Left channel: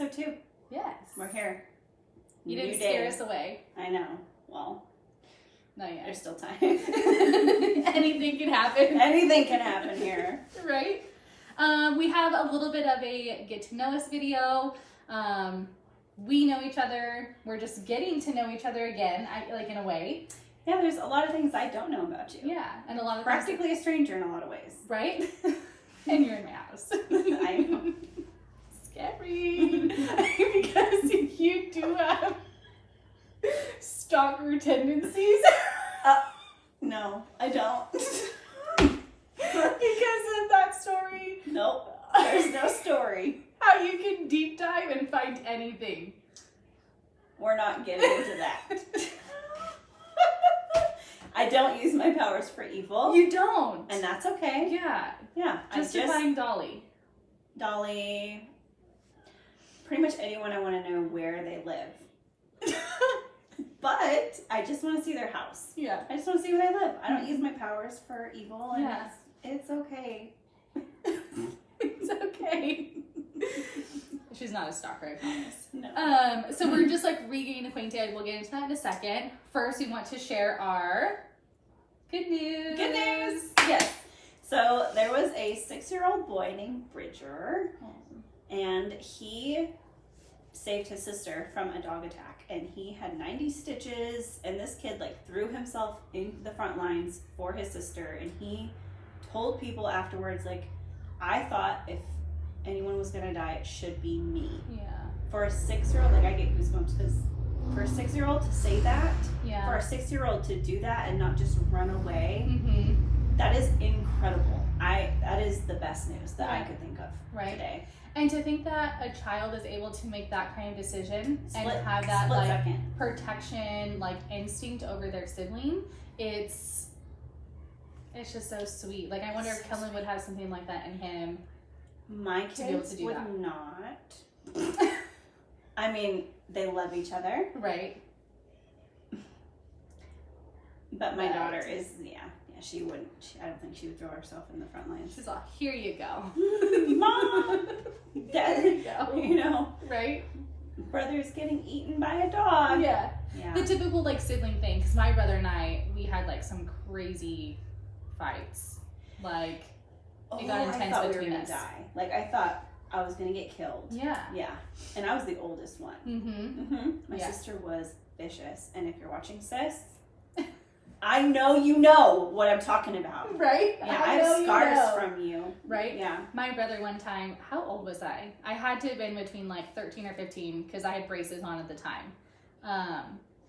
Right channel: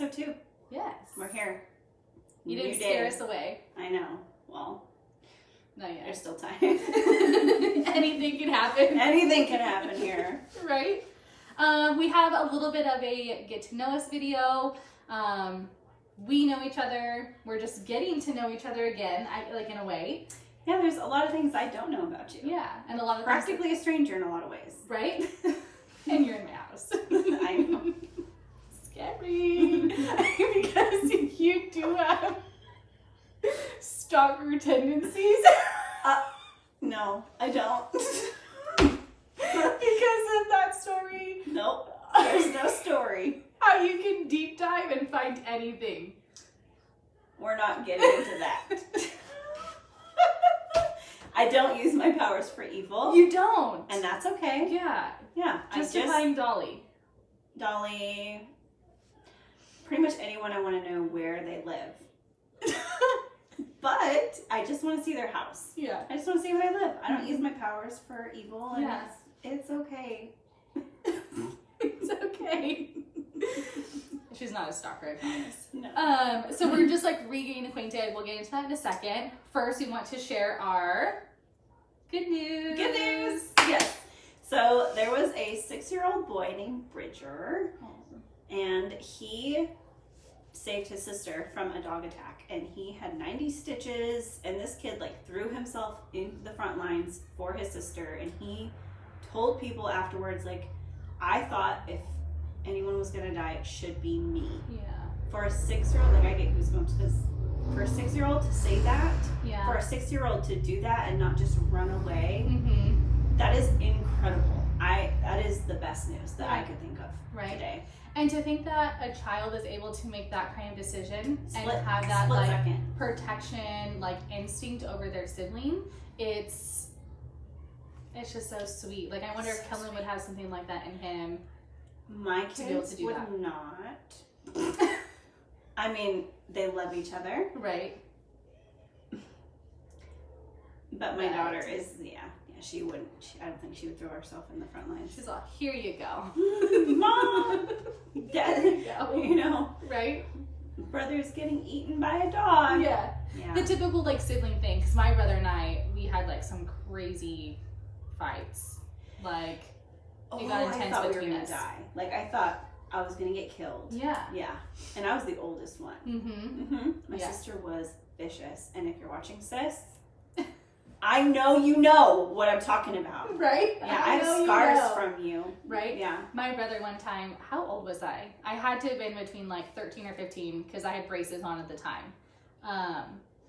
episode 2. Yes. We're here. You didn't scare us away. I know. Well, not yet. there's still time. Anything can happen. Anything can happen here. Right? We have a little bit of a get to know us video. We know each other. We're just getting to know each other again, in a way. Yeah, there's a lot of things I don't know about you. Yeah, and a lot of practically a stranger in a lot of ways. Right? And you're in my house. I know. Scary. Because you do have stalker tendencies. No, I don't. Because of that story. Nope. There's no story. How you can deep dive and find anything. We're not getting into that. I don't use my powers for evil. You don't. And that's okay. Yeah. Yeah. Justifying Dolly. Dolly. Pretty much anyone I want to know where they live. But I just want to see their house. Yeah. I just want to see where they live. I don't use my powers for evil. And Yeah. it's okay. It's okay. She's not a stalker, I promise. No. So we're just regaining acquainted. We'll get into that in a second. First, we want to share our good news. Good news. Yes. So there was a 6-year-old boy named Bridger, and he saved his sister from a dog attack, and he had 90 stitches, and this kid threw himself into the front lines for his sister, and he told people afterwards, I thought if anyone was gonna die, it should be me. Yeah. For a 6-year-old, I get goosebumps because for a 6-year-old to say that, Yeah. for a 6-year-old to do that and not just run away, Mm-hmm. that is incredible. That is the best news that I could think of today. And to think that a child is able to make that kind of decision and have that split second protection, instinct over their sibling, it's just so sweet. I wonder if Kellen would have something like that in him. My to be able kids to do would that. not. I mean, they love each other, Right. but my daughter is, she wouldn't. I don't think she would throw herself in the front lines. She's like, here you go. Mom, Dad, Here you go. Right? brother's getting eaten by a dog. Yeah. Yeah. The typical sibling thing, because my brother and I, we had some crazy fights. It got intense I thought we were between gonna us. die. I thought I was gonna get killed. Yeah. Yeah. And I was the oldest one. Mm-hmm. My Yeah. sister was vicious. And if you're watching, sis, I know you know what I'm talking about. Right? Yeah, I have scars from you. Right? Yeah. My brother one time, how old was I? I had to have been between 13 or 15 because I had braces on at the time.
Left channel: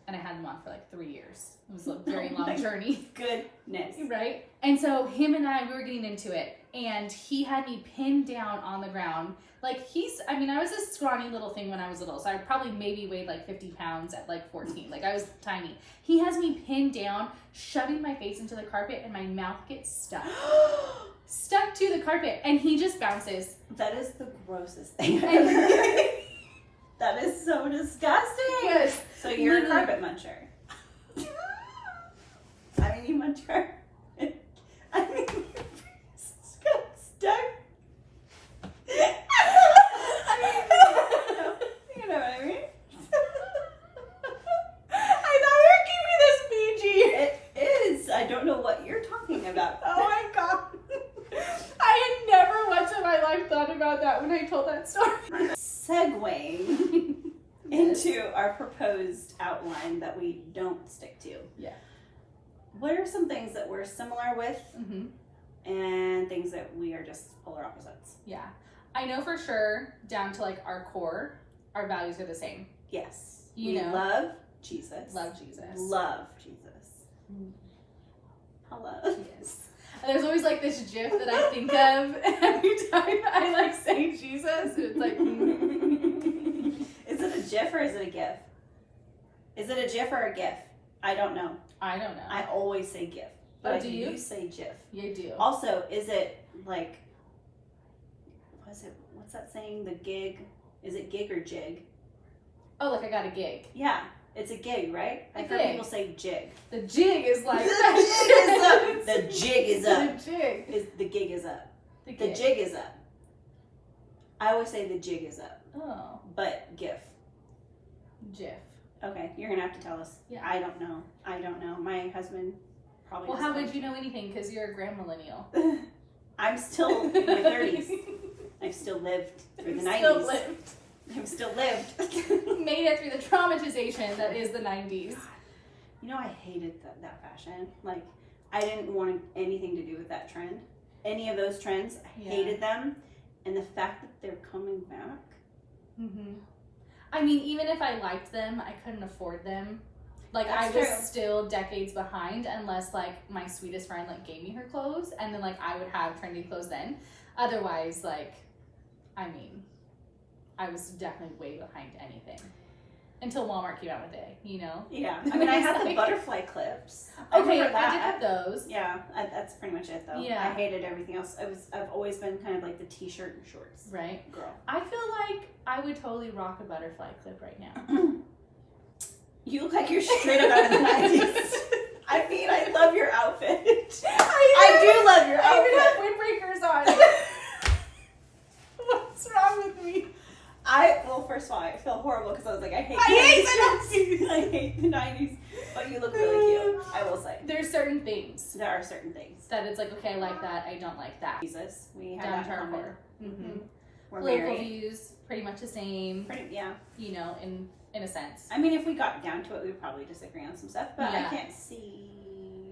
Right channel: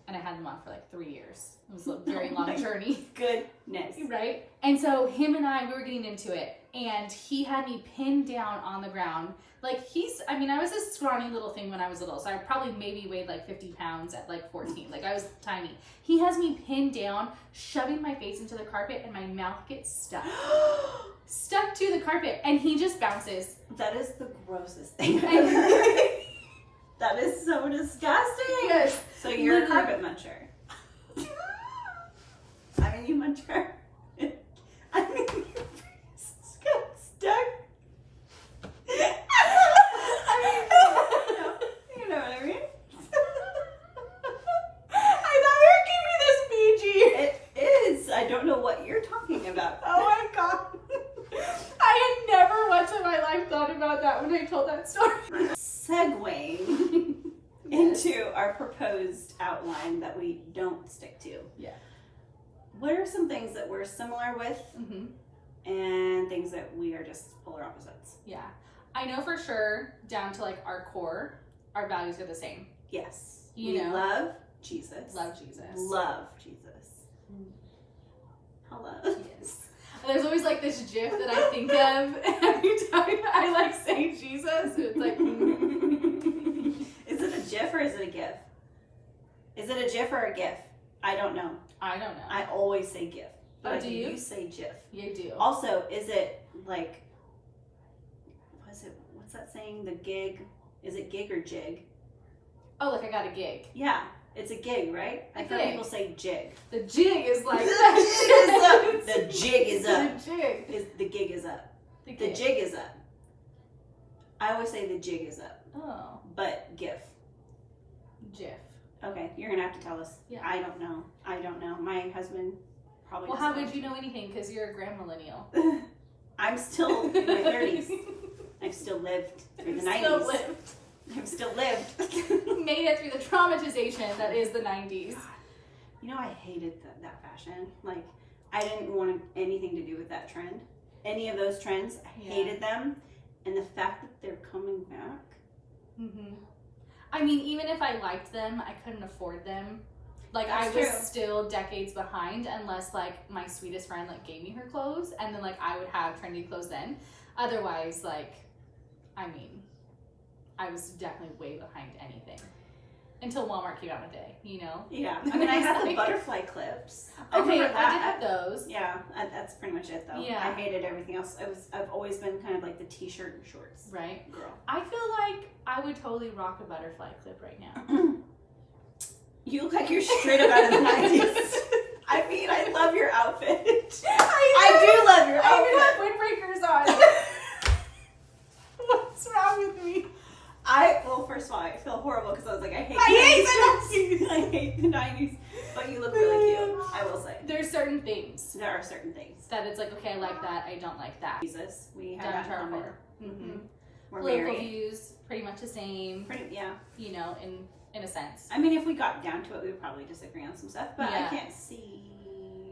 And I had them on for 3 years. It was a very long journey. Goodness. Right? And so him and I, we were getting into it. And he had me pinned down on the ground. I was a scrawny little thing when I was little. So I probably maybe weighed 50 pounds at 14. I was tiny. He has me pinned down, shoving my face into the carpet, and my mouth gets stuck. Stuck to the carpet. And he just bounces. That is the grossest thing I've ever heard. That is so disgusting. Yes. So you're a carpet muncher. I mean, you munch her. I mean, your face got stuck. You know what I mean? I thought we were keeping this PG. It is. I don't know what you're talking about. Oh my god. I had never once in my life thought about that when I told that story. Segueing into our proposed outline that we don't stick to. Yeah. What are some things that we're similar with Mm-hmm. and things that we are just polar opposites? Yeah. I know for sure, down to our core, our values are the same. Yes. You we know. love Jesus. Love Jesus. Love Jesus. Mm. Hello. Yes. And there's always this gif that I think of every time I say Jesus. It's Is it a GIF or is it a GIF? Is it a GIF or a GIF? I don't know. I don't know. I always say GIF. But Oh, I do think you? you say GIF. You do. Also, is it what's that saying? The gig? Is it gig or jig? Oh, I got a gig. Yeah, it's a gig, right? I've heard gig. people say jig. The jig is The jig is up. The jig is up. The jig. The gig is up. The The gig. jig is up. I always say the jig is up. Oh. but GIF. GIF. Okay, you're gonna have to tell us. Yeah. I don't know. My husband probably. Well, how would you know anything? Because you're a grand millennial. I'm still in my 30s. I've still lived through the 90s. Still lived. I've still lived. Made it through the traumatization that is the 90s. You know, I hated that fashion. Like, I didn't want anything to do with that trend. Any of those trends, I hated them. And the fact that they're coming back. Mm-hmm. I mean, even if I liked them, I couldn't afford them. Like, That's I was true. still decades behind unless, like, my sweetest friend, like, gave me her clothes. And then, like, I would have trendy clothes then. Otherwise, like, I mean, I was definitely way behind anything. Until Walmart came out with it, you know? Yeah. I mean, I had the Like- butterfly clips. Okay, remember I did have those. Yeah, that's pretty much it, though. Yeah. I hated everything else. I've always been kind of like the t-shirt and shorts Right. girl. I feel like I would totally rock a butterfly clip right now. You look like you're straight up out of the 90s. I mean, I love your outfit. I do love your I even have outfit. windbreakers on. What's wrong with me? Well, first of all, I feel horrible because I was like, I hate the 90s. I hate the 90s. But you look really cute, I will say. There's certain things There are certain things. that it's like, okay, I like that, I don't like that. Jesus, we have Down that to in our common. core. Mm-hmm. We're Political married. views, pretty much the same, Yeah. you know, in a sense. I mean, if we got down to it, we would probably disagree on some stuff, but Yeah. I can't see.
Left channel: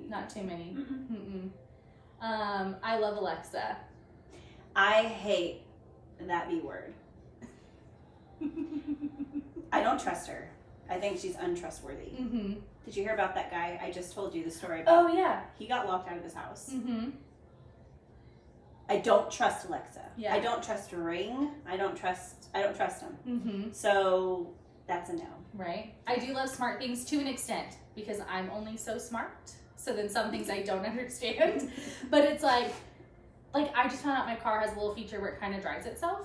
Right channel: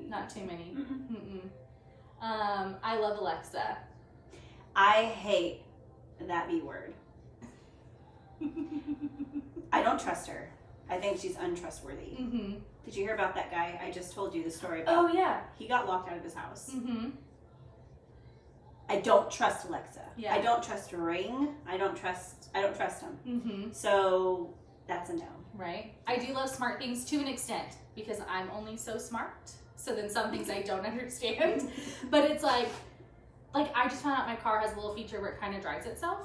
Not too many. Mm-mm. Mm-mm. I love Alexa. I hate that B word. I don't trust her. I think she's untrustworthy. Mm-hmm. Did you hear about that guy? I just told you the story about. Oh, yeah. He got locked out of his house. Mm-hmm. I don't trust Alexa. Yeah. I don't trust Ring. I don't trust him. Mm-hmm. So that's a no. Right. I do love smart things to an extent because I'm only so smart. So then some things I don't understand. But it's like I just found out my car has a little feature where it kind of drives itself.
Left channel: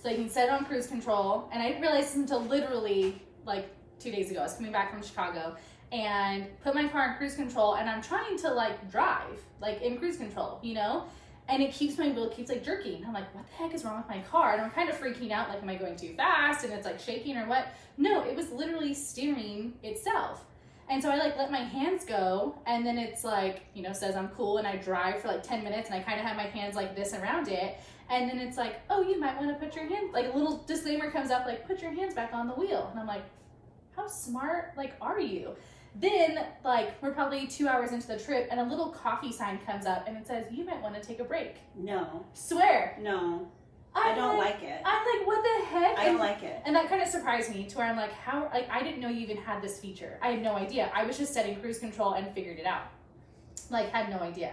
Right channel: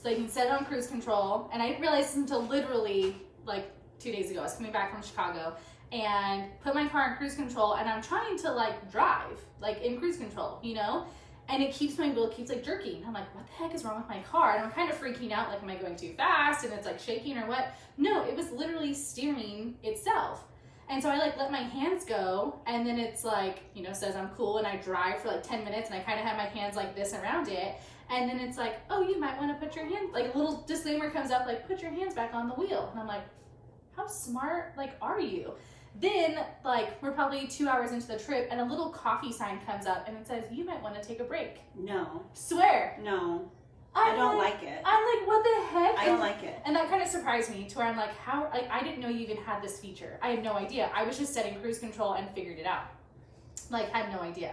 So you can set it on cruise control. And I didn't realize until literally like 2 days ago. I was coming back from Chicago and put my car in cruise control and I'm trying to like drive like in cruise control, you know? And it keeps my wheel keeps like jerking. I'm like, what the heck is wrong with my car? And I'm kind of freaking out, like, am I going too fast? And it's like shaking or what? No, it was literally steering itself. And so I like let my hands go, and then it's like, you know, says I'm cool, and I drive for like 10 minutes, and I kind of have my hands like this around it. And then it's like, oh, you might want to put your hand, like a little disclaimer comes up, like, put your hands back on the wheel. And I'm like, how smart, like, are you? Then, like, we're probably 2 hours into the trip, and a little coffee sign comes up, and it says, you might want to take a break. No. Swear. No. I don't like it. I'm like, what the heck? I don't like it. And that kind of surprised me to where I'm like, how, like, I didn't know you even had this feature. I had no idea. I was just setting cruise control and figured it out. Like, had no idea.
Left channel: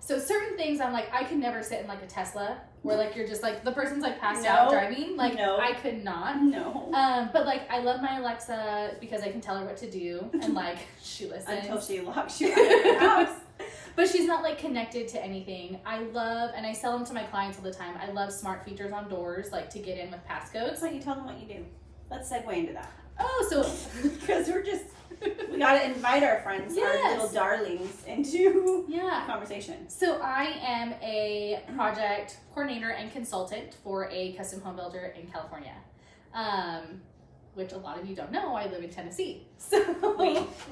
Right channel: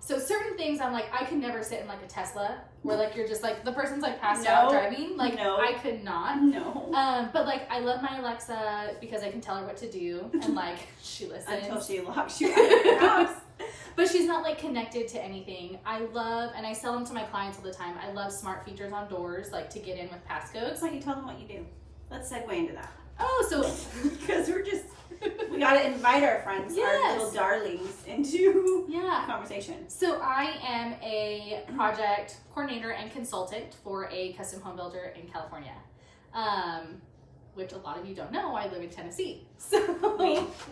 So certain things I'm like, I could never sit in like a Tesla where like you're just like, the person's like passed out driving. Like, No. I could not. No. But like, I love my Alexa because I can tell her what to do. And like, she listens. Until she locks you out of your house. But she's not like connected to anything. I love, and I sell them to my clients all the time, I love smart features on doors, like to get in with passcodes. That's why you tell them what you do. Let's segue into that. Oh, so Because we gotta invite our friends, our Yes. little darlings, into yeah. conversation. So I am a project coordinator and consultant for a custom home builder in California. Which a lot of you don't know, I live in Tennessee. So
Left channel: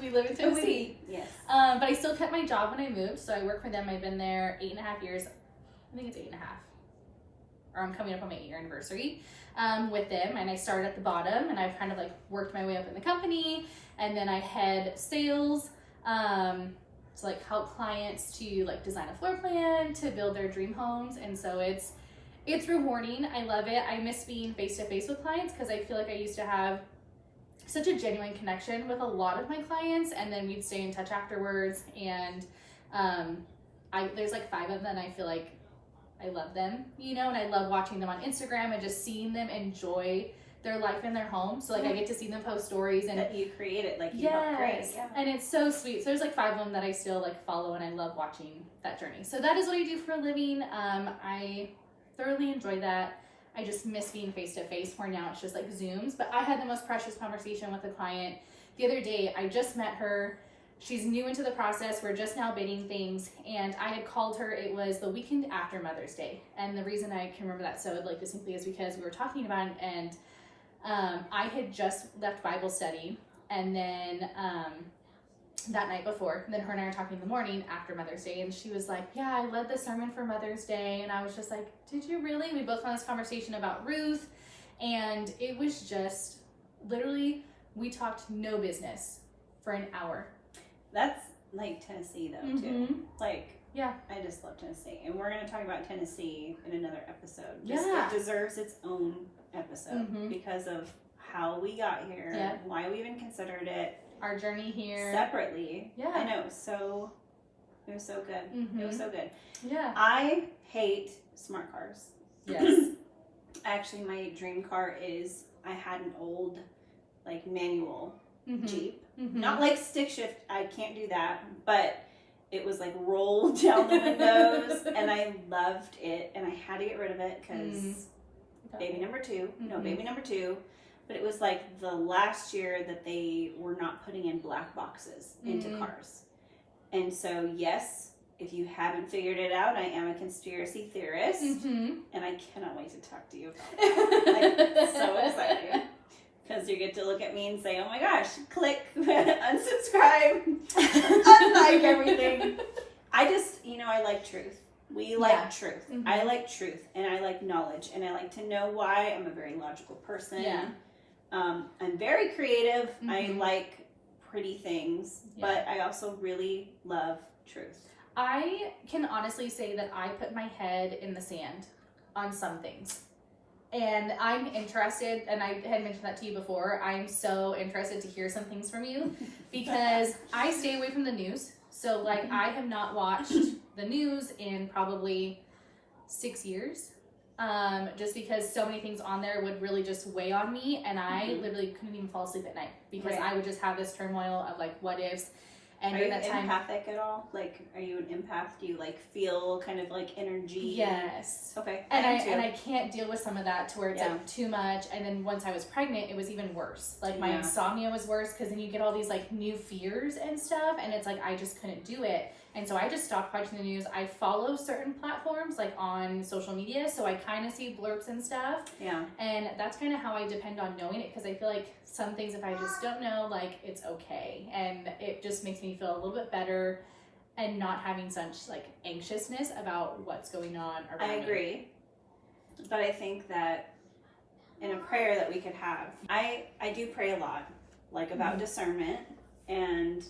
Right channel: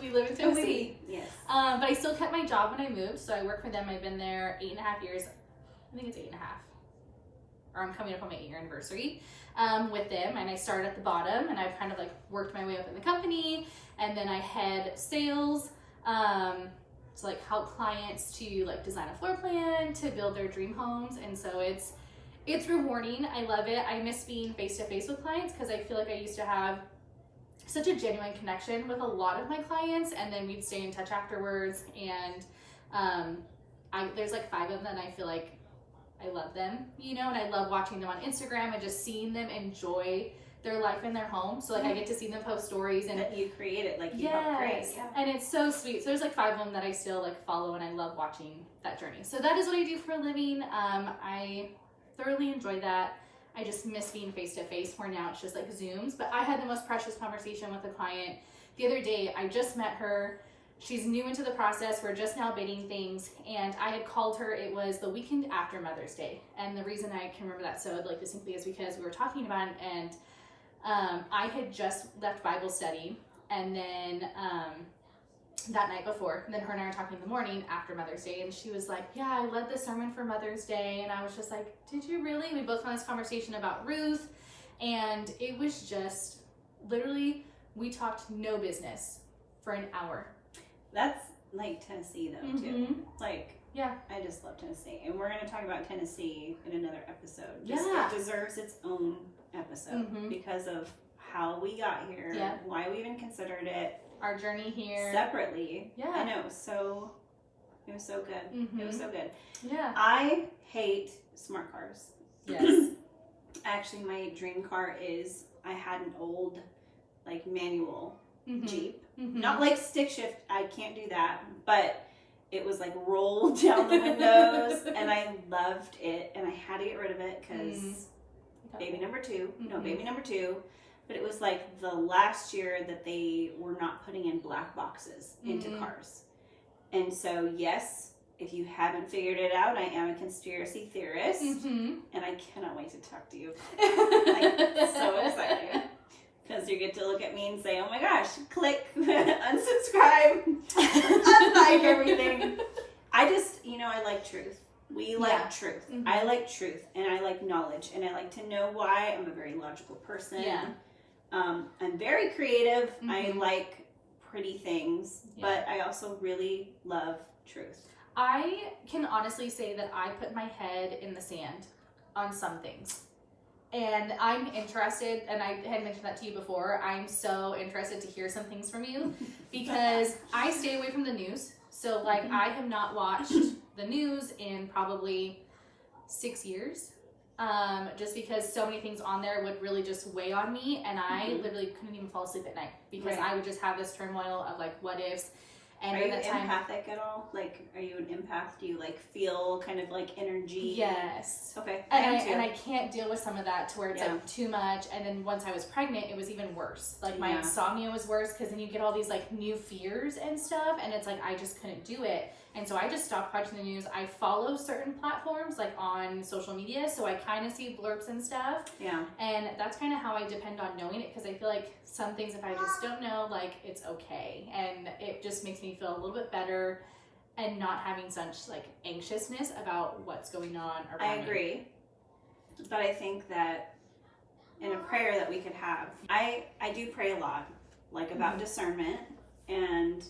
we live in Tennessee. Yes. But I still kept my job when I moved, so I work for them. I've been there 8.5 years. I think it's 8.5. Or I'm coming up on my 8-year anniversary with them. And I started at the bottom, and I've kind of like worked my way up in the company. And then I head sales to like help clients to like design a floor plan to build their dream homes. And so it's rewarding. I love it. I miss being face to face with clients because I feel like I used to have such a genuine connection with a lot of my clients, and then we'd stay in touch afterwards. And there's like 5 of them, and I feel like I love them, you know, and I love watching them on Instagram and just seeing them enjoy their life in their home. So like I get to see them post stories and That you created, like you helped create. Yeah. and it's so sweet. So there's like 5 of them that I still like follow, and I love watching that journey. So that is what I do for a living. I thoroughly enjoy that. I just miss being face to face, where now it's just like Zooms. But I had the most precious conversation with a client the other day. I just met her. She's new into the process. We're just now bidding things, and I had called her. It was the weekend after Mother's Day, and the reason I can remember that so like distinctly is because we were talking about it, and I had just left Bible study, and then that night before, then her and I were talking in the morning after Mother's Day, and she was like, yeah, I led the sermon for Mother's Day. And I was just like, did you really? We both had this conversation about Ruth, and it was just literally, we talked no business for an hour. That's like Tennessee though, too. Like, yeah, I just love Tennessee. And we're going to talk about Tennessee in another episode. Yeah. It deserves its own episode because of how we got here, why we even considered it. Our journey here. Separately. Yeah. I know. It was so good. It was so good. Yeah. I hate smart cars. Yes. Actually, my dream car is, I had an old, like, manual Jeep. Not like stick shift. I can't do that. But it was, like, rolled down the windows. And I loved it. And I had to get rid of it because baby number two. No, baby number two. But it was like the last year that they were not putting in black boxes into cars. And so, yes, if you haven't figured it out, I am a conspiracy theorist. And I cannot wait to talk to you about it. Like, so excited. Because you get to look at me and say, oh my gosh, click, unsubscribe, unlike everything. I just, I like truth. We like truth. I like truth, and I like knowledge, and I like to know why. I'm a very logical person. Yeah. I'm very creative. I like pretty things, but I also really love truth. I can honestly say that I put my head in the sand on some things. And I'm interested, and I had mentioned that to you before, I'm so interested to hear some things from you because I stay away from the news. So, like, I have not watched the news in probably 6 years. Just because so many things on there would really just weigh on me, and I literally couldn't even fall asleep at night because I would just have this turmoil of like what ifs. And are you empathic at all? Like, are you an empath? Do you like feel kind of like energy? Yes. Okay. And I can't deal with some of that to where it's like too much. And then once I was pregnant, it was even worse. Like my insomnia was worse because then you get all these like new fears and stuff, and it's like I just couldn't do it. And so I just stopped watching the news. I follow certain platforms like on social media, so I kind of see blurbs and stuff. Yeah. And that's kind of how I depend on knowing it, because I feel like some things, if I just don't know, like it's okay. And it just makes me feel a little bit better and not having such like anxiousness about what's going on around I agree. But I think that in a prayer that we could have, I do pray a lot, like about discernment, and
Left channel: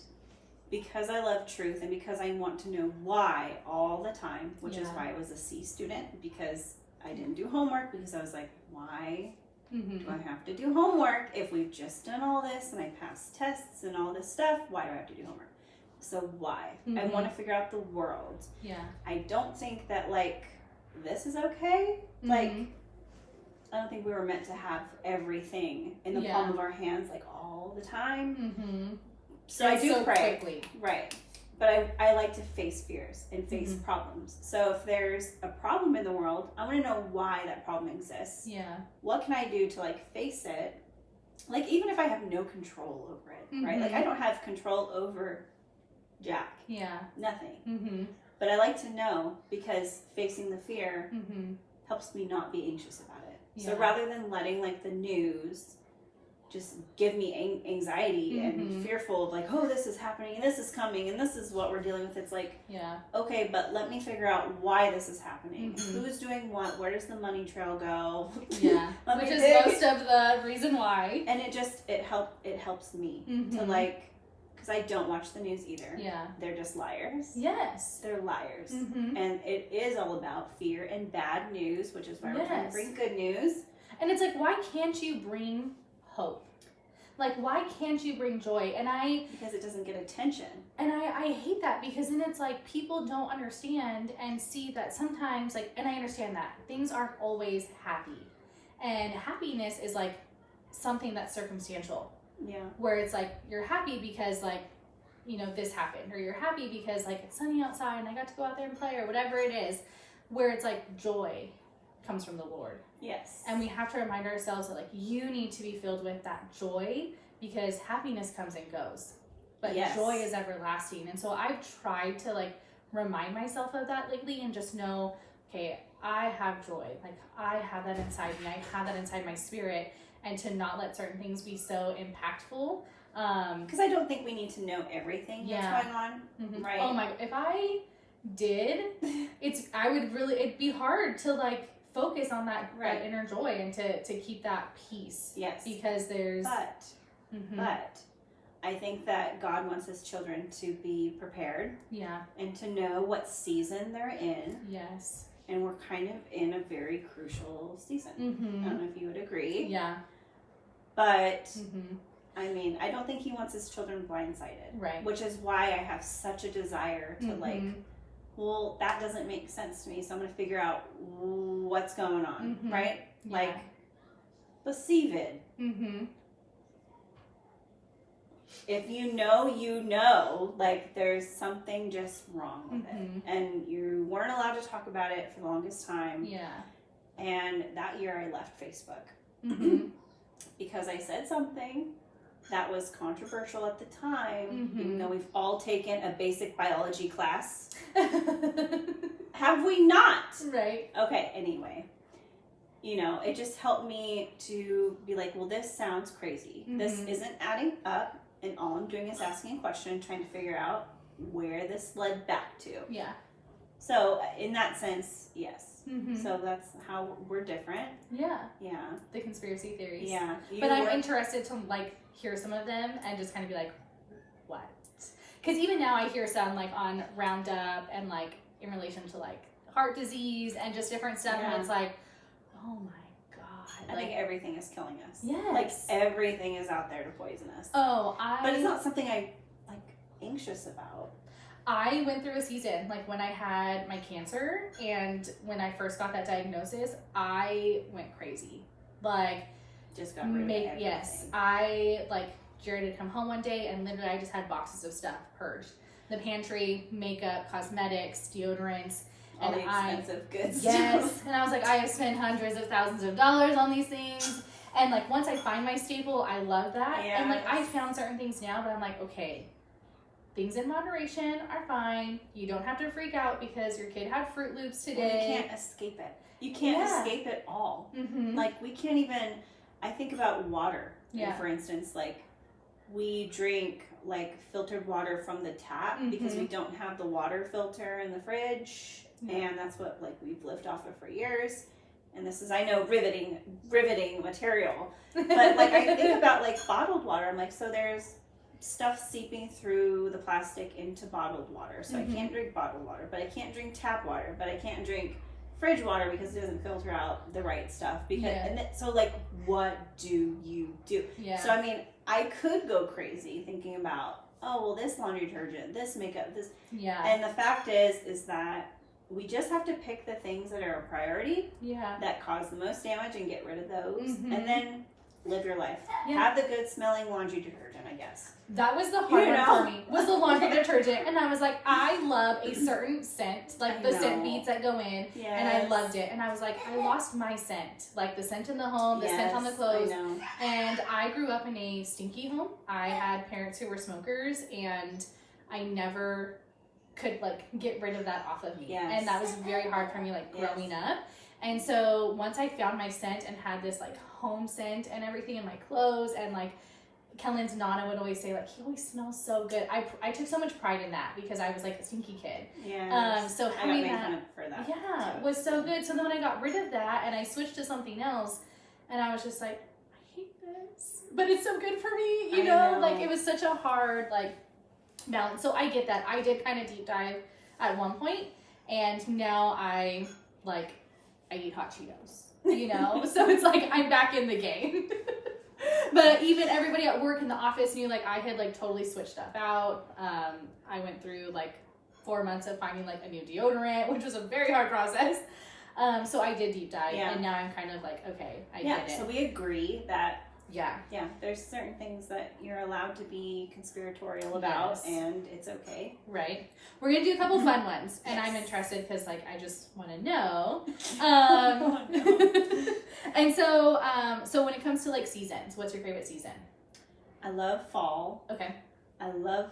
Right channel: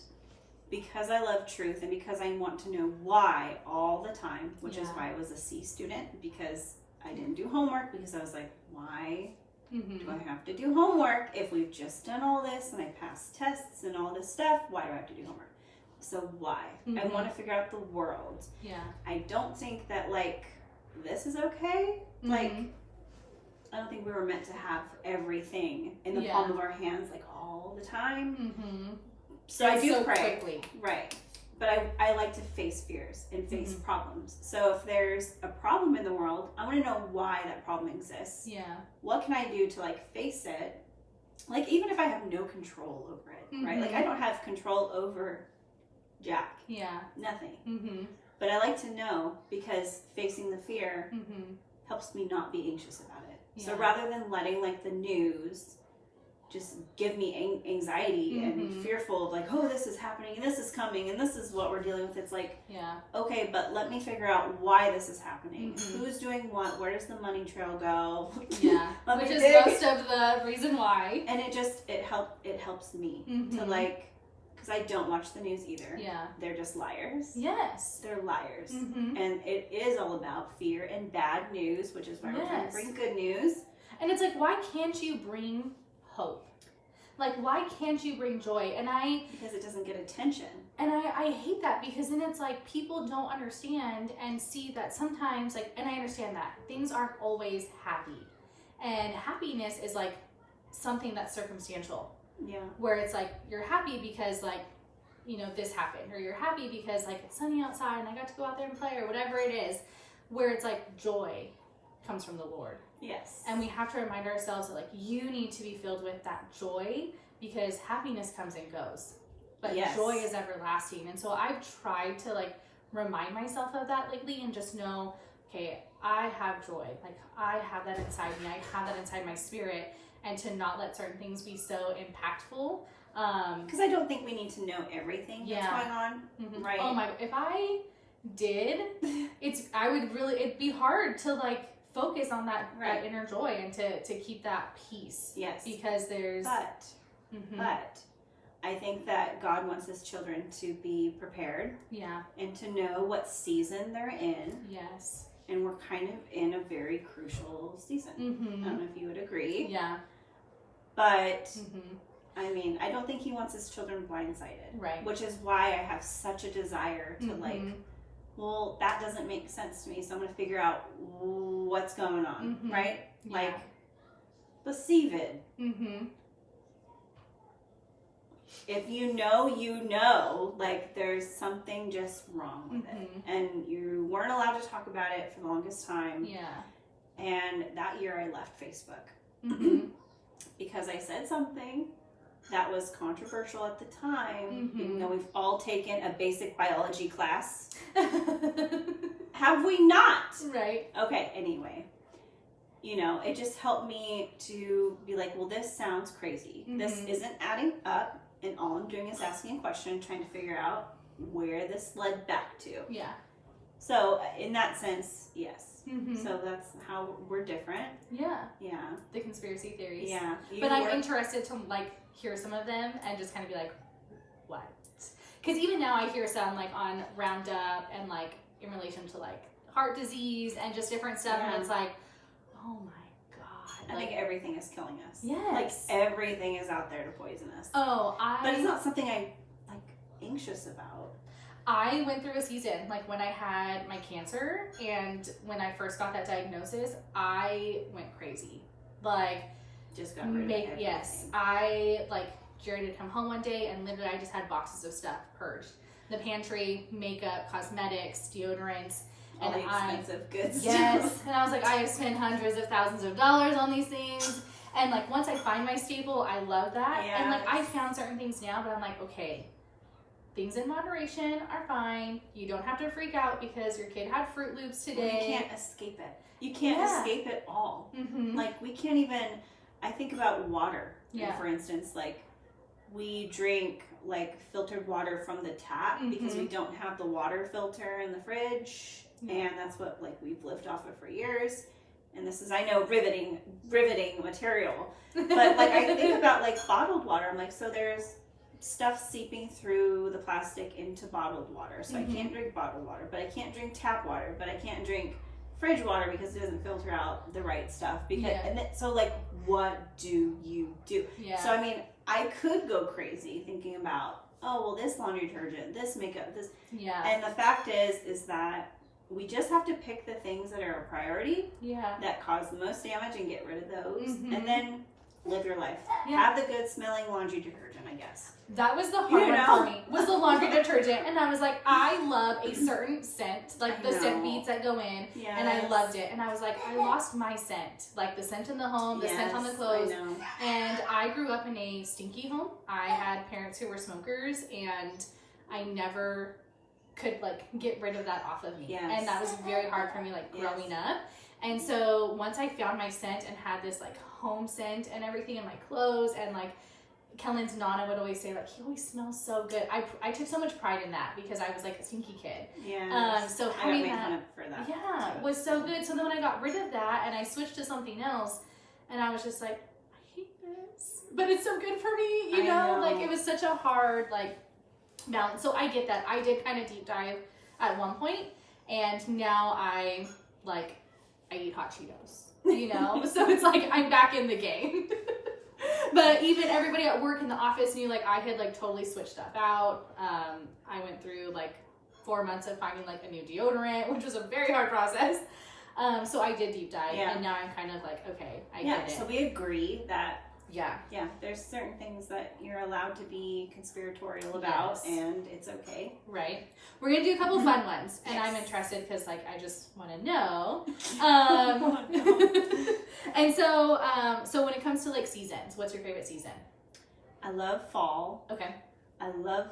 because I love truth and because I want to know why all the time, which is why I was a C student, because I didn't do homework, because I was like, why do I have to do homework if we've just done all this and I passed tests and all this stuff? Why do I have to do homework? So why? I want to figure out the world. Yeah. I don't think that like this is okay. Like I don't think we were meant to have everything in the palm of our hands like all the time. So I do pray. Quickly. Right. But I like to face fears and face problems. So if there's a problem in the world, I want to know why that problem exists. Yeah. What can I do to like face it? Like even if I have no control over it, right? Like I don't have control over Jack. Yeah. Nothing. But I like to know, because facing the fear helps me not be anxious about it. Yeah. So rather than letting like the news just give me anxiety and fearful of like, oh, this is happening and this is coming and this is what we're dealing with. It's like, okay, but let me figure out why this is happening. Who's doing what? Where does the money trail go? Yeah, which is most of the reason why. And it helps me to like, because I don't watch the news either. Yeah. They're just liars. Yes. They're liars. And it is all about fear and bad news, which is why we're trying to bring good news. And it's like, why can't you bring hope? Like, why can't you bring joy? Because it doesn't get attention. And I hate that, because then it's like people don't understand and see that sometimes, like, and I understand that things aren't always happy. And happiness is like something that's circumstantial. Yeah. Where it's like, you're happy because like, you know, this happened, or you're happy because like it's sunny outside and I got to go out there and play, or whatever it is, where it's like joy comes from the Lord. Yes. And we have to remind ourselves that like you need to be filled with that joy, because happiness comes and goes, but joy is everlasting. And so I've tried to like remind myself of that lately and just know, okay, I have joy. Like I have that inside me. I have that inside my spirit. and to not let certain things be so impactful. Because I don't think we need to know everything that's going on, right? Oh my, if I did, it'd be hard to like focus on that inner joy and to keep that peace. Yes. Because there's... But I think that God wants his children to be prepared. Yeah. And to know what season they're in. Yes. And we're kind of in a very crucial season. I don't know if you would agree. Yeah. But, I mean, I don't think he wants his children blindsided. Right. Which is why I have such a desire to like, well, that doesn't make sense to me, so I'm going to figure out what's going on, right? Yeah. Like, perceive. If you know, like there's something just wrong with it. And you weren't allowed to talk about it for the longest time. Yeah. And that year I left Facebook. Because I said something that was controversial at the time, even though we've all taken a basic biology class. Have we not? Right. Okay, anyway. You know, it just helped me to be like, well, this sounds crazy. This isn't adding up. And all I'm doing is asking a question and trying to figure out where this led back to. Yeah. So, in that sense, yes. So, that's how we're different. Yeah. Yeah. The conspiracy theories. Yeah. But I'm interested to, like, hear some of them and just kind of be like, what? Because even now I hear some, like, on Roundup and, like, in relation to, like, heart disease and just different stuff. And it's like, oh my I think everything is killing us. Yes. Like, everything is out there to poison us. But it's not something I, like, anxious about. I went through a season, like, when I had my cancer, and when I first got that diagnosis, I went crazy. Like... Just got rid of everything. Yes. Jared had come home one day, and literally I just had boxes of stuff purged. The pantry, makeup, cosmetics, deodorants... All the expensive goods. Yes. And I was like, I have spent hundreds of thousands of dollars on these things. And like, once I find my staple, I love that. Yes. And like, I found certain things now, but I'm like, okay, things in moderation are fine. You don't have to freak out because your kid had Fruit Loops today. Well, you can't escape it. You can't escape it all. Like, we can't even, I think about water. Yeah. And for instance, like, we drink like filtered water from the tap because we don't have the water filter in the fridge. And that's what, like, we've lived off of for years. And this is, I know, riveting material. But, like, I think about, like, bottled water. I'm like, so there's stuff seeping through the plastic into bottled water. So I can't drink bottled water. But I can't drink tap water. But I can't drink fridge water because it doesn't filter out the right stuff. Because so, like, what do you do? Yeah. So, I mean, I could go crazy thinking about, oh, well, this laundry detergent, this makeup, this. Yeah. And the fact is that we just have to pick the things that are a priority, that cause the most damage, and get rid of those, and then live your life. Have the good smelling laundry detergent, I guess. That was the hard one for me, was the laundry detergent. And I was like, I love a certain scent, like the scent beads that go in, and I loved it. And I was like, I lost my scent, like the scent in the home, the scent on the clothes. I know. And I grew up in a stinky home. I had parents who were smokers, and I never could like get rid of that off of me. And that was very hard for me, like growing up. And so once I found my scent and had this like home scent and everything in my clothes, and like Kellen's Nana would always say, like, he always smells so good. I took so much pride in that because I was like a stinky kid. So having that for that was so good. So then when I got rid of that and I switched to something else, and I was just like, I hate this, but it's so good for me, you know? Like, it was such a hard like balance. So I get that. I did kind of deep dive at one point, and now I eat hot Cheetos, you know? So it's like I'm back in the game. But even everybody at work in the office knew, like, I had like totally switched stuff out. I went through like 4 months of finding like a new deodorant, which was a very hard process. So I did deep dive, and now I'm kind of like, okay, I get it. So we agree that there's certain things that you're allowed to be conspiratorial about, and it's okay. Right. We're gonna do a couple fun ones, and I'm interested because like I just want to know. And so so when it comes to like seasons, what's your favorite season? I love fall. Okay. I love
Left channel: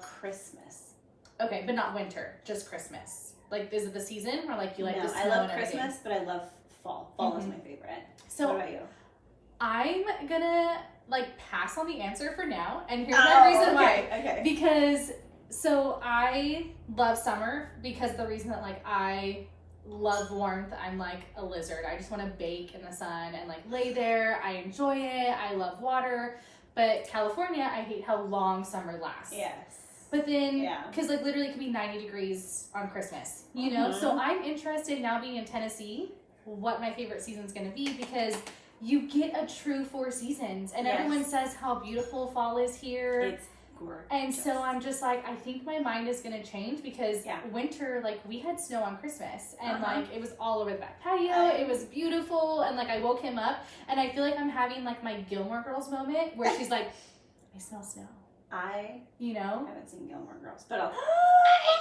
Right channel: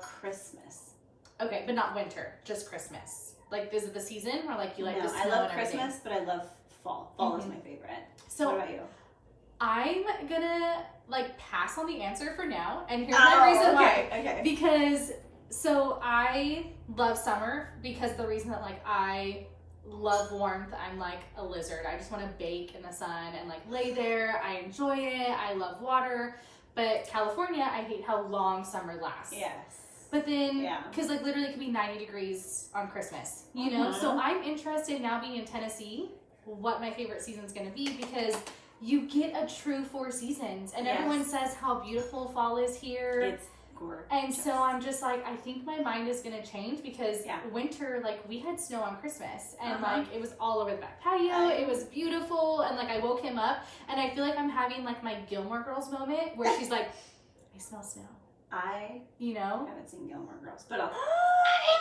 Christmas. Okay, but not winter, just Christmas. Like, is it the season or like you like the snow? I love Christmas, but I love fall. Fall is my favorite. So what about you? I'm gonna like pass on the answer for now, and here's my reason why. Okay. Because so I love summer because the reason that like I love warmth. I'm like a lizard. I just want to bake in the sun and like lay there. I enjoy it. I love water. But California, I hate how long summer lasts. Yes. But then, Yeah. because like literally it could be 90 degrees on Christmas, you know? So I'm interested now being in Tennessee, what my favorite season's going to be, because you get a true 4 seasons. And everyone says how beautiful fall is here. It's gorgeous. And so I'm just like, I think my mind is going to change because winter, like we had snow on Christmas and like it was all over the back patio. It was beautiful. And like I woke him up and I feel like I'm having like my Gilmore Girls moment where she's like, I smell snow. You know? I haven't seen Gilmore Girls, but I'll... I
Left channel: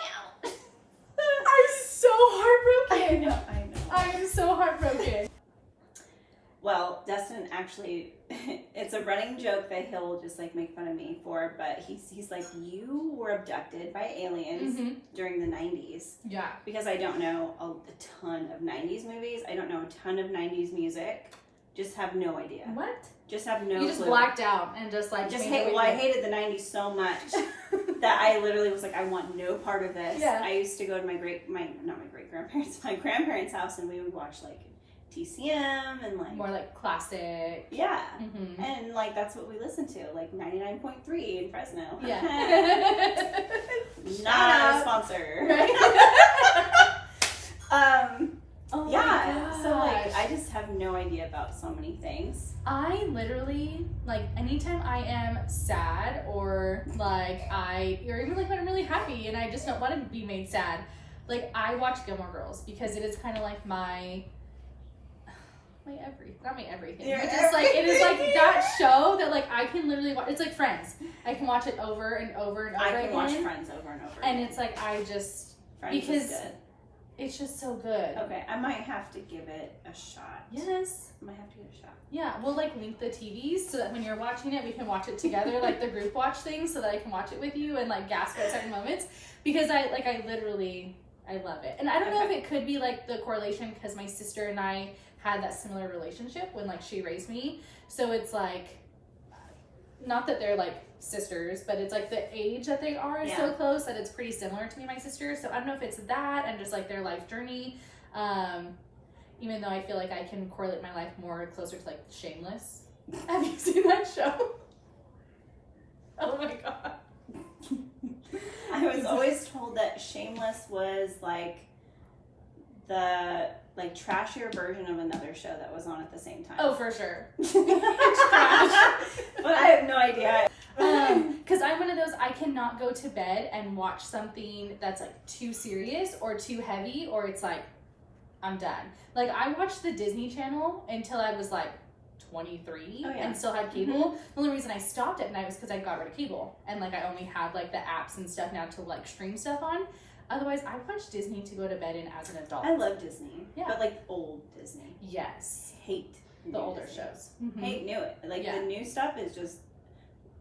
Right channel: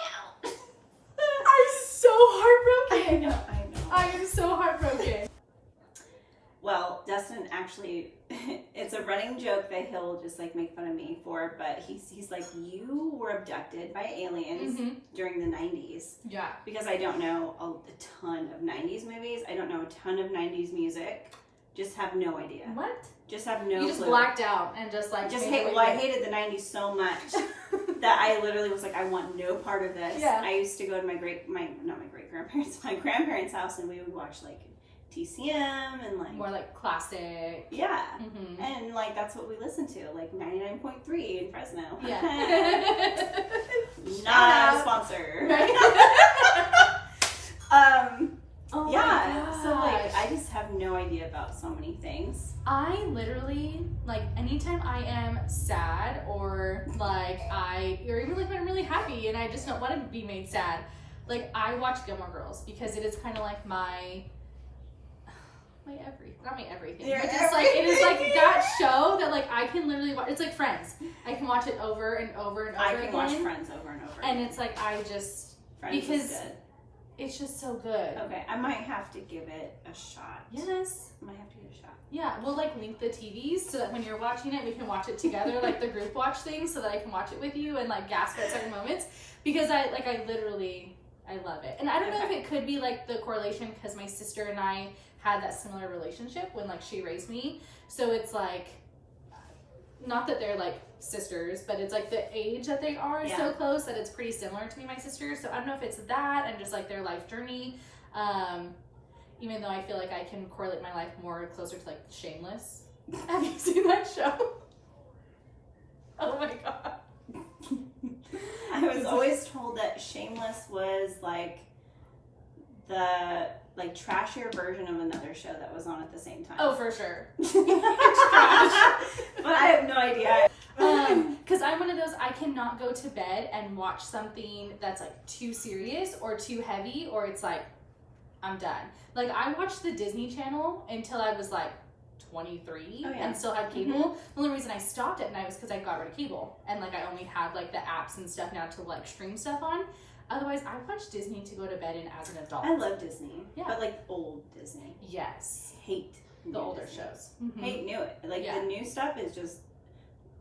know. I'm so heartbroken. I know. I am so heartbroken. Well, Dustin actually, it's a running joke that he'll just like make fun of me for, but he's like, you were abducted by aliens during the 90s. Yeah. Because I don't know a ton of 90s movies. I don't know a ton of 90s music. Just have no idea. What? Just have no You just clue. blacked out and just like... I hated the 90s so much that I literally was like, I want no part of this. Yeah. I used to go to my grandparents' house, and we would watch like TCM and like... More like classic. Yeah. Mm-hmm. And like that's what we listened to, like 99.3 in Fresno. Yeah. Not a sponsor. Right? Oh yeah. So like I just have no idea about so many things. I literally, like, anytime I am sad or like or even like when I'm really happy and I just don't want to be made sad, like I watch Gilmore Girls because it is kind of like my everything. Your But just like it is like that show that like I can literally watch. It's like Friends. I can watch it over and over and over again. I can watch Friends over and over. And it's like I just Friends because is good. It's just so good. Okay, I might have to give it a shot. Yes. I might have to give it a shot. Yeah, we'll like link the TVs so that when you're watching it, we can watch it together, like the group watch thing, so that I can watch it with you and like gasp at certain moments because I love it. And I don't know if it could be like the correlation because my sister and I had that similar relationship when like she raised me. So it's like, not that they're like sisters, but it's like the age that they are is so close that it's pretty similar to me and my sister. So I don't know if it's that and just like their life journey. Even though I feel like I can correlate my life more closer to like Shameless. Have you seen that show? Oh my god. I was always told that Shameless was like the trashier version of another show that was on at the same time. Oh, for sure. But I have no idea. Because I'm one of those, I cannot go to bed and watch something that's like too serious or too heavy, or it's like, I'm done. Like I watched the Disney Channel until I was like 23 and still had cable. The only reason I stopped at night was because I got rid of cable and like I only have like the apps and stuff now to like stream stuff on. Otherwise, I watch Disney to go to bed in as an adult. I love Disney, but like old Disney. Yes. Hate the older Disney shows. Hate new it. Like the new stuff is just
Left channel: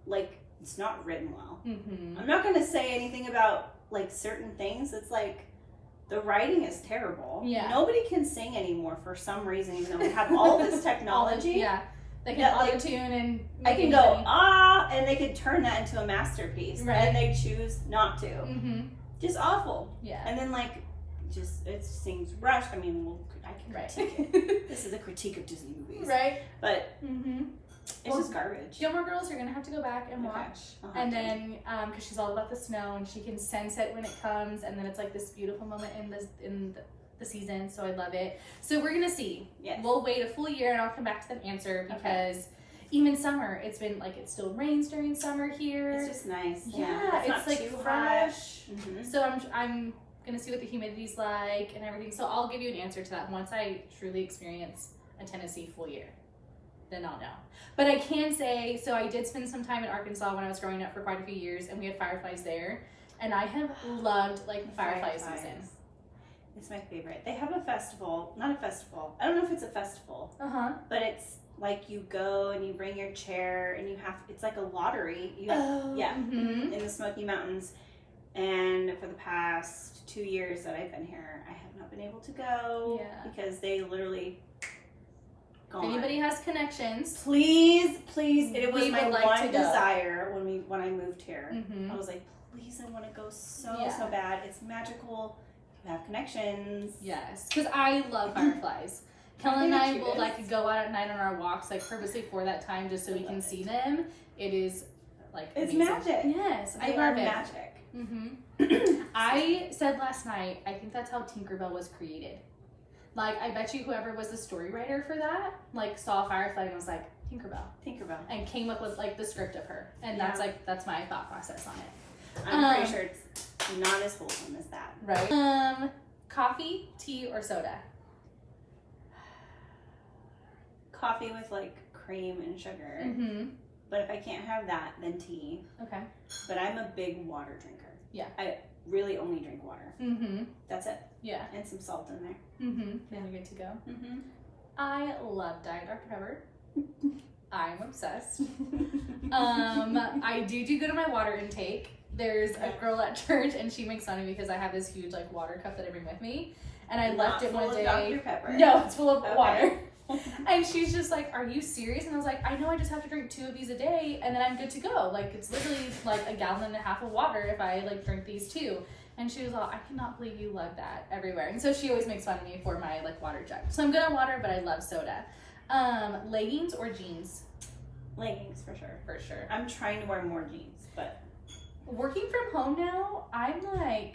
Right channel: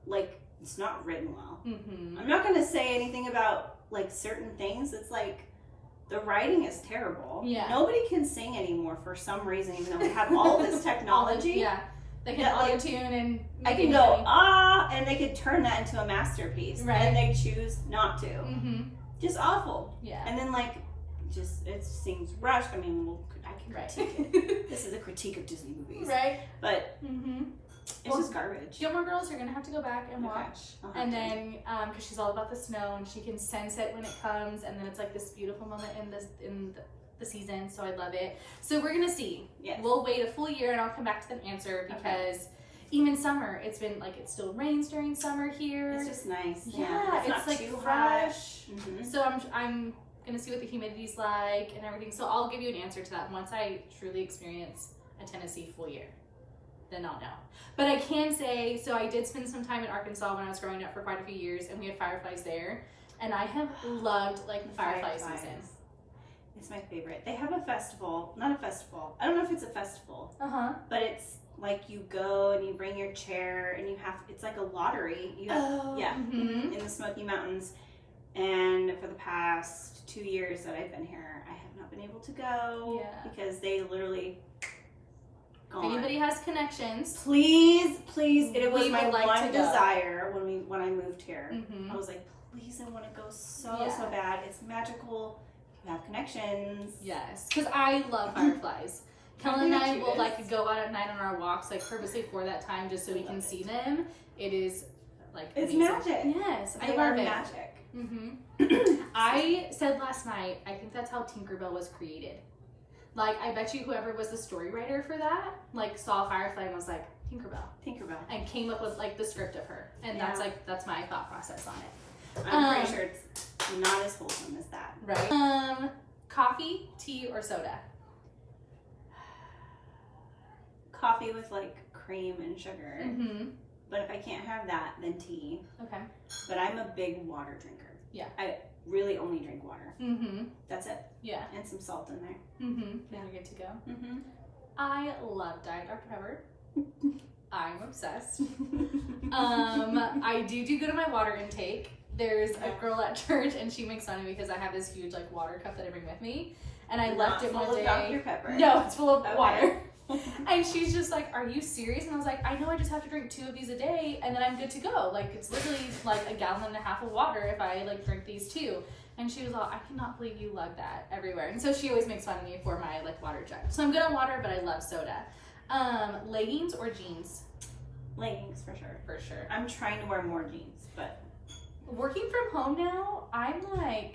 like it's not written well. I'm not gonna say anything about like certain things. It's like the writing is terrible. Yeah. Nobody can sing anymore for some reason, even though we have all this technology. They can auto-tune and I can go and they could turn that into a masterpiece, and they choose not to. Just awful. Yeah. And then like, it seems rushed. I mean, I can critique it. This is a critique of Disney movies, right? But it's just garbage. Gilmore Girls, you're gonna have to go back and watch, and then because she's all about the snow and she can sense it when it comes, and then it's like this beautiful moment in the season. So I love it. So we're gonna see. Yes. We'll wait a full year and I'll come back to the answer because. Even summer, it's been like it still rains during summer here. It's just nice. Yeah, it's not like too fresh. So I'm gonna see what the humidity's like and everything. So I'll give you an answer to that once I truly experience a Tennessee full year. Then I'll know. But I can say, so I did spend some time in Arkansas when I was growing up for quite a few years, and we had fireflies there, and I have loved like the firefly season. It's my favorite. They have a festival, not a festival. I don't know if it's a festival. But it's like you go and you bring your chair and it's like a lottery. You have, in the Smoky Mountains. And for the past 2 years that I've been here, I have not been able to go because they literally gone. If anybody has connections, Please, it was We my would like one to go. desire when I moved here. Mhm. I was like, please, I want to go so Yeah. bad. It's magical. You have connections. yes, because I love fireflies. Kellen and I They're the will cutest. like go out at night on our walks, like purposely for that time, just so we can see them. It is like It's amazing. magic. Yes, I They love are it. magic. I said last night, I think that's how Tinkerbell was created. Like, I bet you whoever was the story writer for that, like, saw Firefly and was like, Tinkerbell. and came up with like the script of her, and Yeah. that's my thought process on it. I'm pretty sure it's not as wholesome as that. Right. Coffee, tea, or soda? Coffee with like cream and sugar. Mm-hmm. But if I can't have that, then tea. Okay. But I'm a big water drinker. Yeah. I really only drink water. Mm-hmm. That's it. Yeah. And some salt in there. Mm-hmm. Then you're good to go. Mm-hmm. I love Diet Dr. Pepper. I'm obsessed. I do good on my water intake. There's a girl at church, and she makes fun of me because I have this huge like water cup that I bring with me, and I left it one full day. of Dr. Pepper. No, it's full of Okay. water. And she's just like, "Are you serious?" And I was like, "I know. I just have to drink 2 of these a day, and then I'm good to go. Like it's literally like a gallon and a half of water if I like drink these 2." And she was all, "I cannot believe you lug that everywhere." And so she always makes fun of me for my like water jug. So I'm good on water, but I love soda. Leggings or jeans? Leggings for sure. For sure. I'm trying to wear more jeans, but Working from home now, I'm like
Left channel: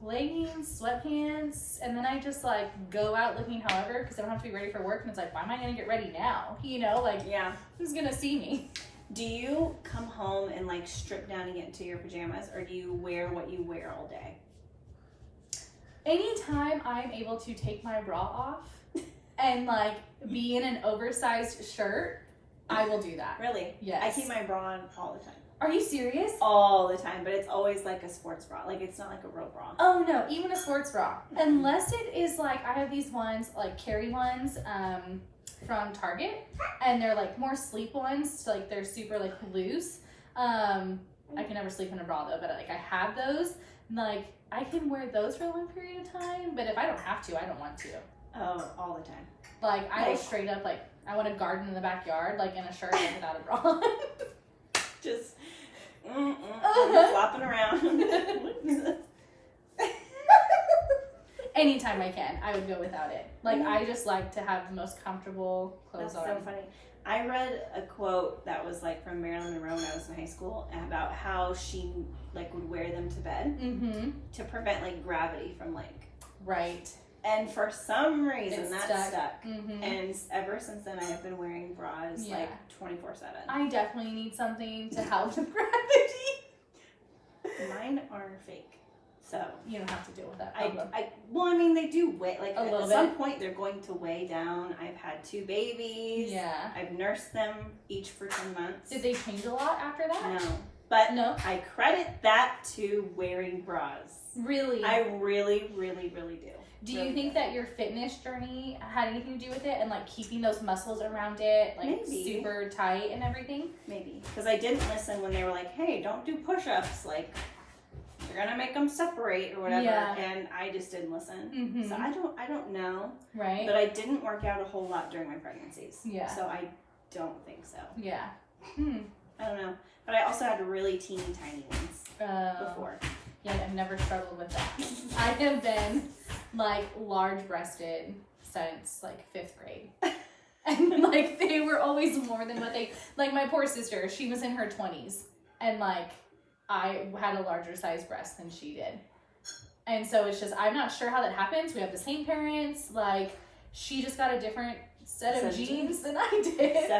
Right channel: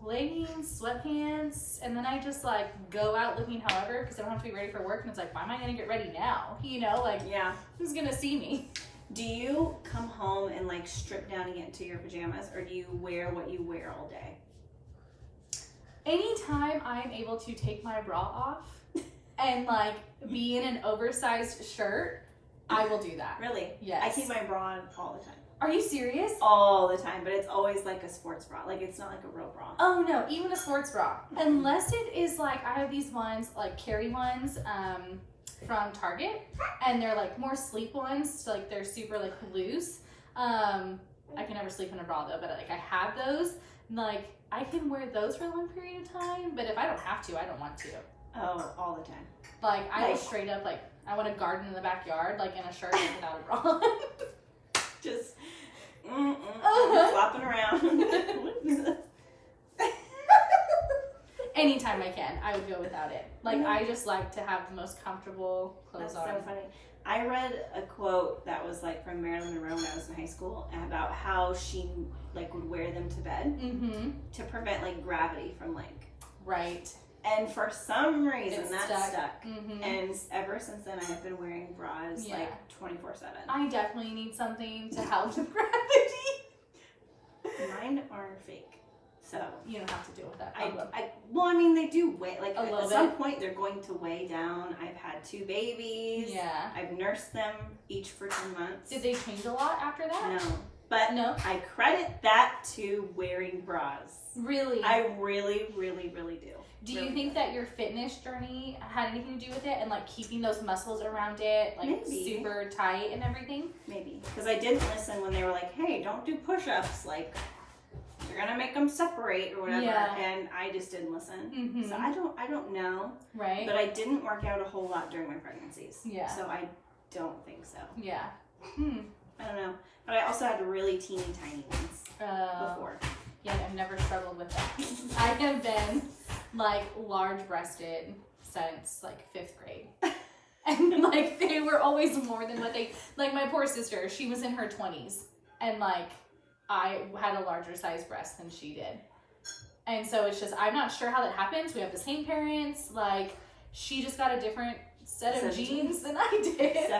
leggings, sweatpants, and then I just like go out looking however because I don't have to be ready for work. And it's like, why am I gonna get ready now? You know, like yeah. who's gonna see me? Do you come home and like strip down to get into your pajamas, or do you wear what you wear all day? Anytime I'm able to take my bra off and like be in an oversized shirt, I will do that. Really? Yes. I keep my bra on all the time. Are you serious? All the time, but it's always like a sports bra. Like it's not like a real bra. Oh no, even a sports bra. Unless it is like, I have these ones, like Carrie ones, from Target, and they're like more sleep ones, so like they're super like loose. I can never sleep in a bra though, but like I have those, and, like I can wear those for a long period of time, but if I don't have to, I don't want to. Oh, all the time. Like I will Like- straight up like, I want to garden in the backyard, like in a shirt like, without a bra. Just Uh-huh. flopping around. Anytime I can, I would go without it. Like I just like to have the most comfortable clothes That's on. so funny. I read a quote that was like from Marilyn Monroe when I was in high school about how she like would wear them to bed Mm-hmm. to prevent like gravity from like, Right. and for some reason It's that stuck. stuck. Mm-hmm. And ever since then, I have been wearing bras Yeah. like 24/7. I definitely need something to help with gravity. Mine are fake, so You don't have to deal with that problem. I mean, they do weigh like A at little some bit. point they're going to weigh down. I've had 2 babies. Yeah. I've nursed them each for 10 months. Did they change a lot after that? No, but No? I credit that to wearing bras. Really? I really, really, really do. Do you Really think that your fitness journey had anything to do with it and like keeping those muscles around it like Maybe. super tight and everything? Maybe because I didn't listen when they were like, "Hey, don't do push-ups. Like, you're gonna make them separate or whatever." Yeah. And I just didn't listen. Mm-hmm. So I don't know, Right? but I didn't work out a whole lot during my pregnancies. Yeah. So I don't think so. Yeah. Hmm. I don't know. But I also had really teeny tiny ones before. Yeah, I've never struggled with that. I have been like large breasted since like 5th grade. And like they were always more than what they, like my poor sister, she was in her 20s and like I had a larger size breast than she did. And so it's just, I'm not sure how that happens. We have the same parents. Like she just got a different set of genes than I did.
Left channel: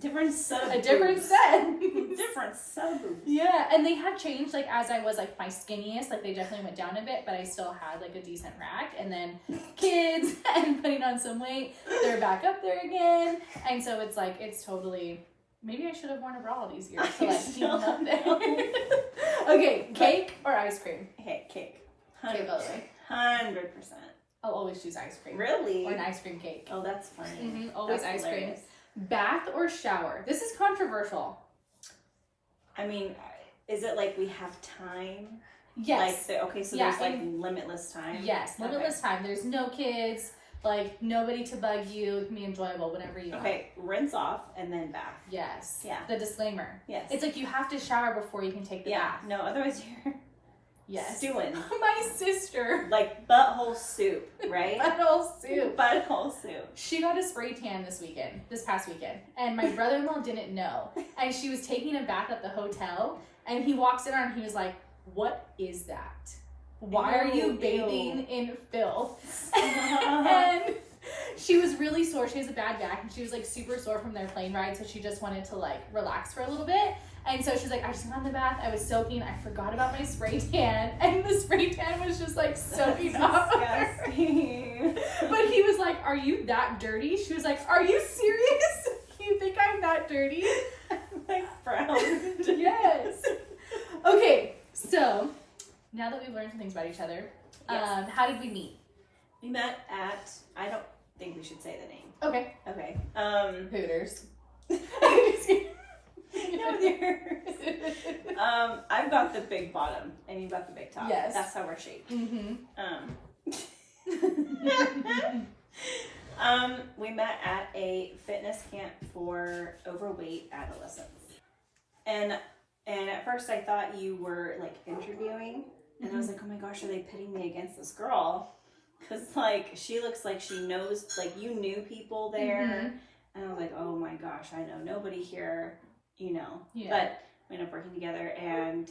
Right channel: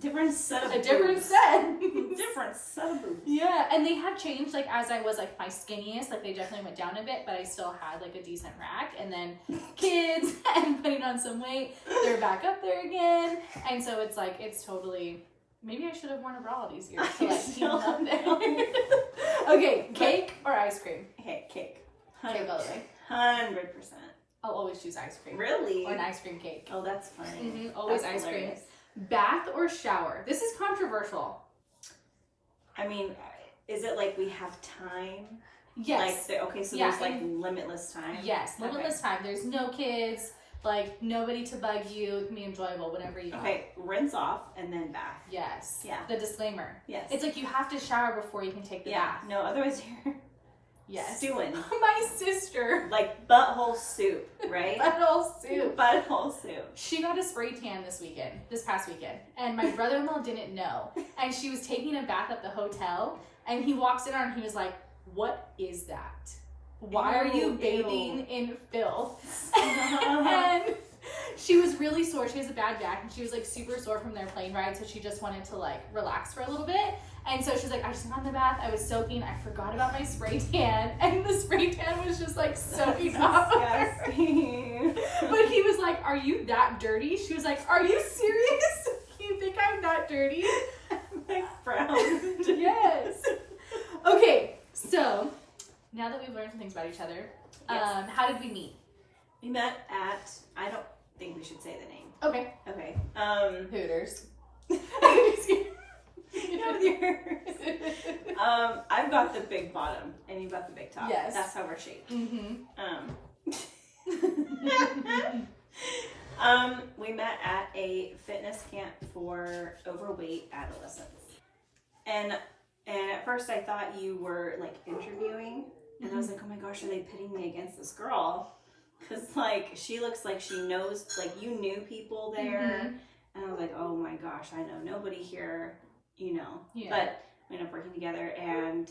Different set of A different boobs. set. Different set of boobs. Yeah, and they have changed, like, as I was, like, my skinniest, like, they definitely went down a bit, but I still had, like, a decent rack, and then kids, and putting on some weight, they're back up there again, and so it's, like, it's totally, maybe I should have worn a bra all these years to, like, keep them up there. Okay, cake or ice cream? Hey, cake. Cake all the way. 100%. I'll always choose ice cream. Really? Or an ice cream cake. Oh, that's funny. Mm-hmm, always That's ice cream. hilarious. Bath or shower? This is controversial. I mean, is it like we have time? Yes. Like, okay, so Yeah, there's like limitless time. Yes, Okay. limitless time. There's no kids. Like, nobody to bug you. It can be enjoyable whenever you want. Okay, rinse off and then bath. Yes. Yeah. The disclaimer. Yes. It's like you have to shower before you can take the bath. No, otherwise you're Yes. stewing. My sister. Like butthole soup, right? Butthole soup. Butthole soup. She got a spray tan this past weekend, and my brother-in-law didn't know. And she was taking a bath at the hotel, and he walks in on her and he was like, "What is that? Why are you bathing in filth?" And she was really sore. She has a bad back, and she was like super sore from their plane ride, so she just wanted to like relax for a little bit. And so she's like, "I just got in the bath, I was soaking, I forgot about my spray tan," and the spray tan was just like soaking off of her. But he was like, "Are you that dirty?" She was like, "Are you serious? You think I'm that dirty?" Like brown. Yes. Okay, so now that we've learned some things about each other, Yes. how did we meet? We met at, I don't think we should say the name. Okay. Okay. Hooters. No, with yours. I've got the big bottom and you've got the big top. Yes. That's how we're shaped. Mm-hmm. We met at a fitness camp for overweight adolescents. And at first I thought you were like interviewing, and I was like, oh my gosh, are they pitting me against this girl? Because like she looks like she knows, like you knew people there. Mm-hmm. And I was like, oh my gosh, I know nobody here, you know. Yeah. But we ended up working together, and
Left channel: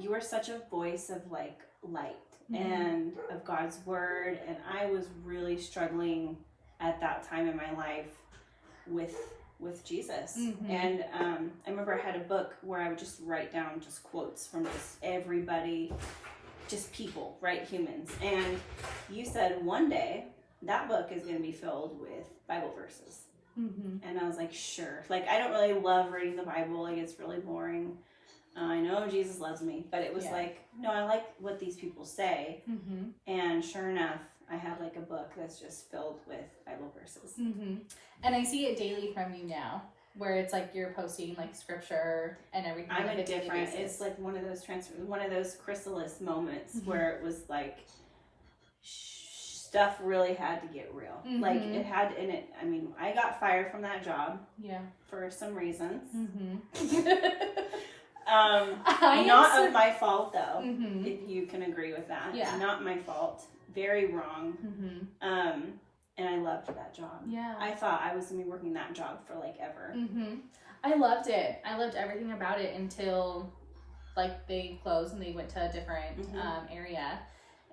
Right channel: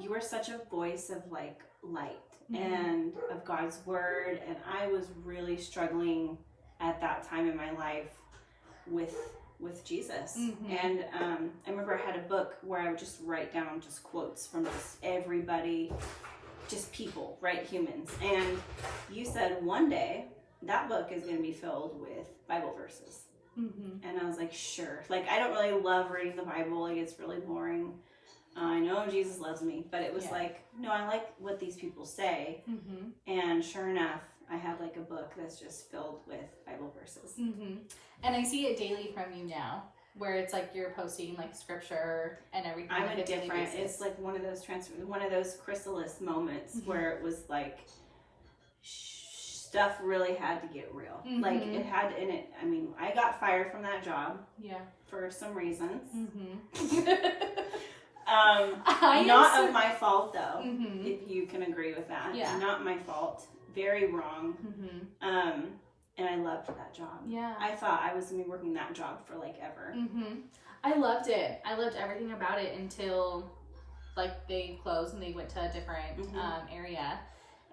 you were such a voice of like light and of God's word. And I was really struggling at that time in my life with Jesus. And I remember I had a book where I would just write down just quotes from just everybody, just people, right? Humans. And you said one day that book is going to be filled with Bible verses. And I was like, sure. Like, I don't really love reading the Bible. Like, it's really boring. I know Jesus loves me, but it was like, no, I like what these people say. And sure enough, I have like a book that's just filled with Bible verses. And I see it daily from you now, where it's like you're posting like scripture and everything. I'm on a a daily different. basis. It's like one of those chrysalis moments where it was like stuff really had to get real. Like it had in it. I mean, I got fired from that job. Yeah. For some reasons. Not Not of my fault though. Mm-hmm. If you can agree with that. Yeah. Not my fault. Very wrong. Mm-hmm. And I loved that job. Yeah. I thought I was gonna be working that job for like ever. Mm-hmm. I loved it. I loved everything about it until like they closed and they went to a different area.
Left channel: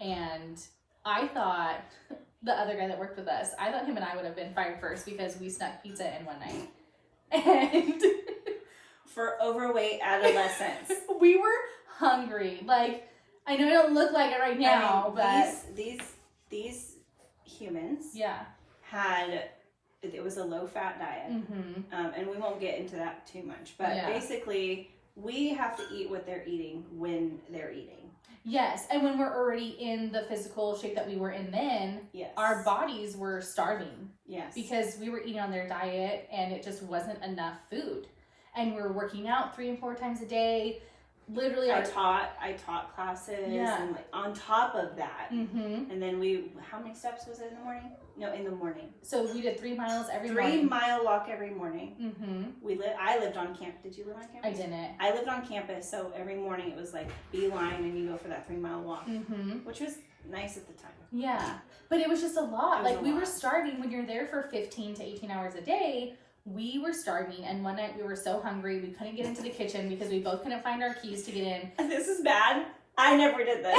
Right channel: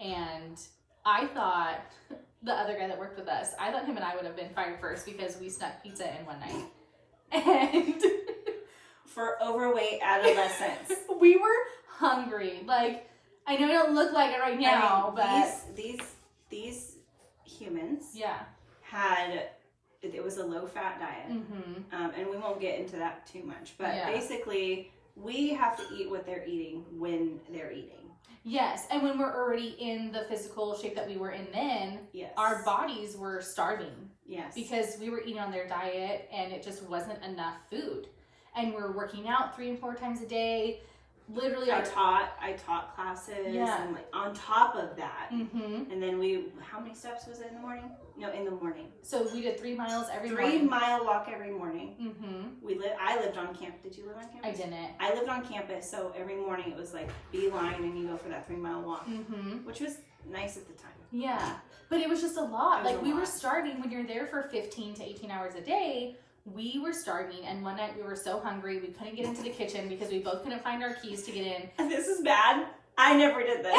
And I thought the other guy that worked with us, I thought him and I would have been fired first because we snuck pizza in one night. And For overweight adolescents. we were hungry. Like, I know I don't look like it right now, but these humans yeah. had, it was a low-fat diet. And we won't get into that too much, but basically we have to eat what they're eating when they're eating. Yes, and when we're already in the physical shape that we were in then, our bodies were starving. Yes. Because we were eating on their diet and it just wasn't enough food. And we're working out 3 and 4 times a day. Literally, I taught classes and like on top of that. And then how many steps was it in the morning? No, in the morning. So we did 3 miles every morning. 3 mile walk every morning. I lived on campus. Did you live on campus? I didn't. I lived on campus, so every morning it was like beeline and you go for that 3 mile walk, which was nice at the time. Yeah, but it was just a lot. Like we were starving when you're there for 15 to 18 hours a day. We were starving, and one night we were so hungry we couldn't get into the kitchen because we both couldn't find our keys to get in. This is bad. I never did this.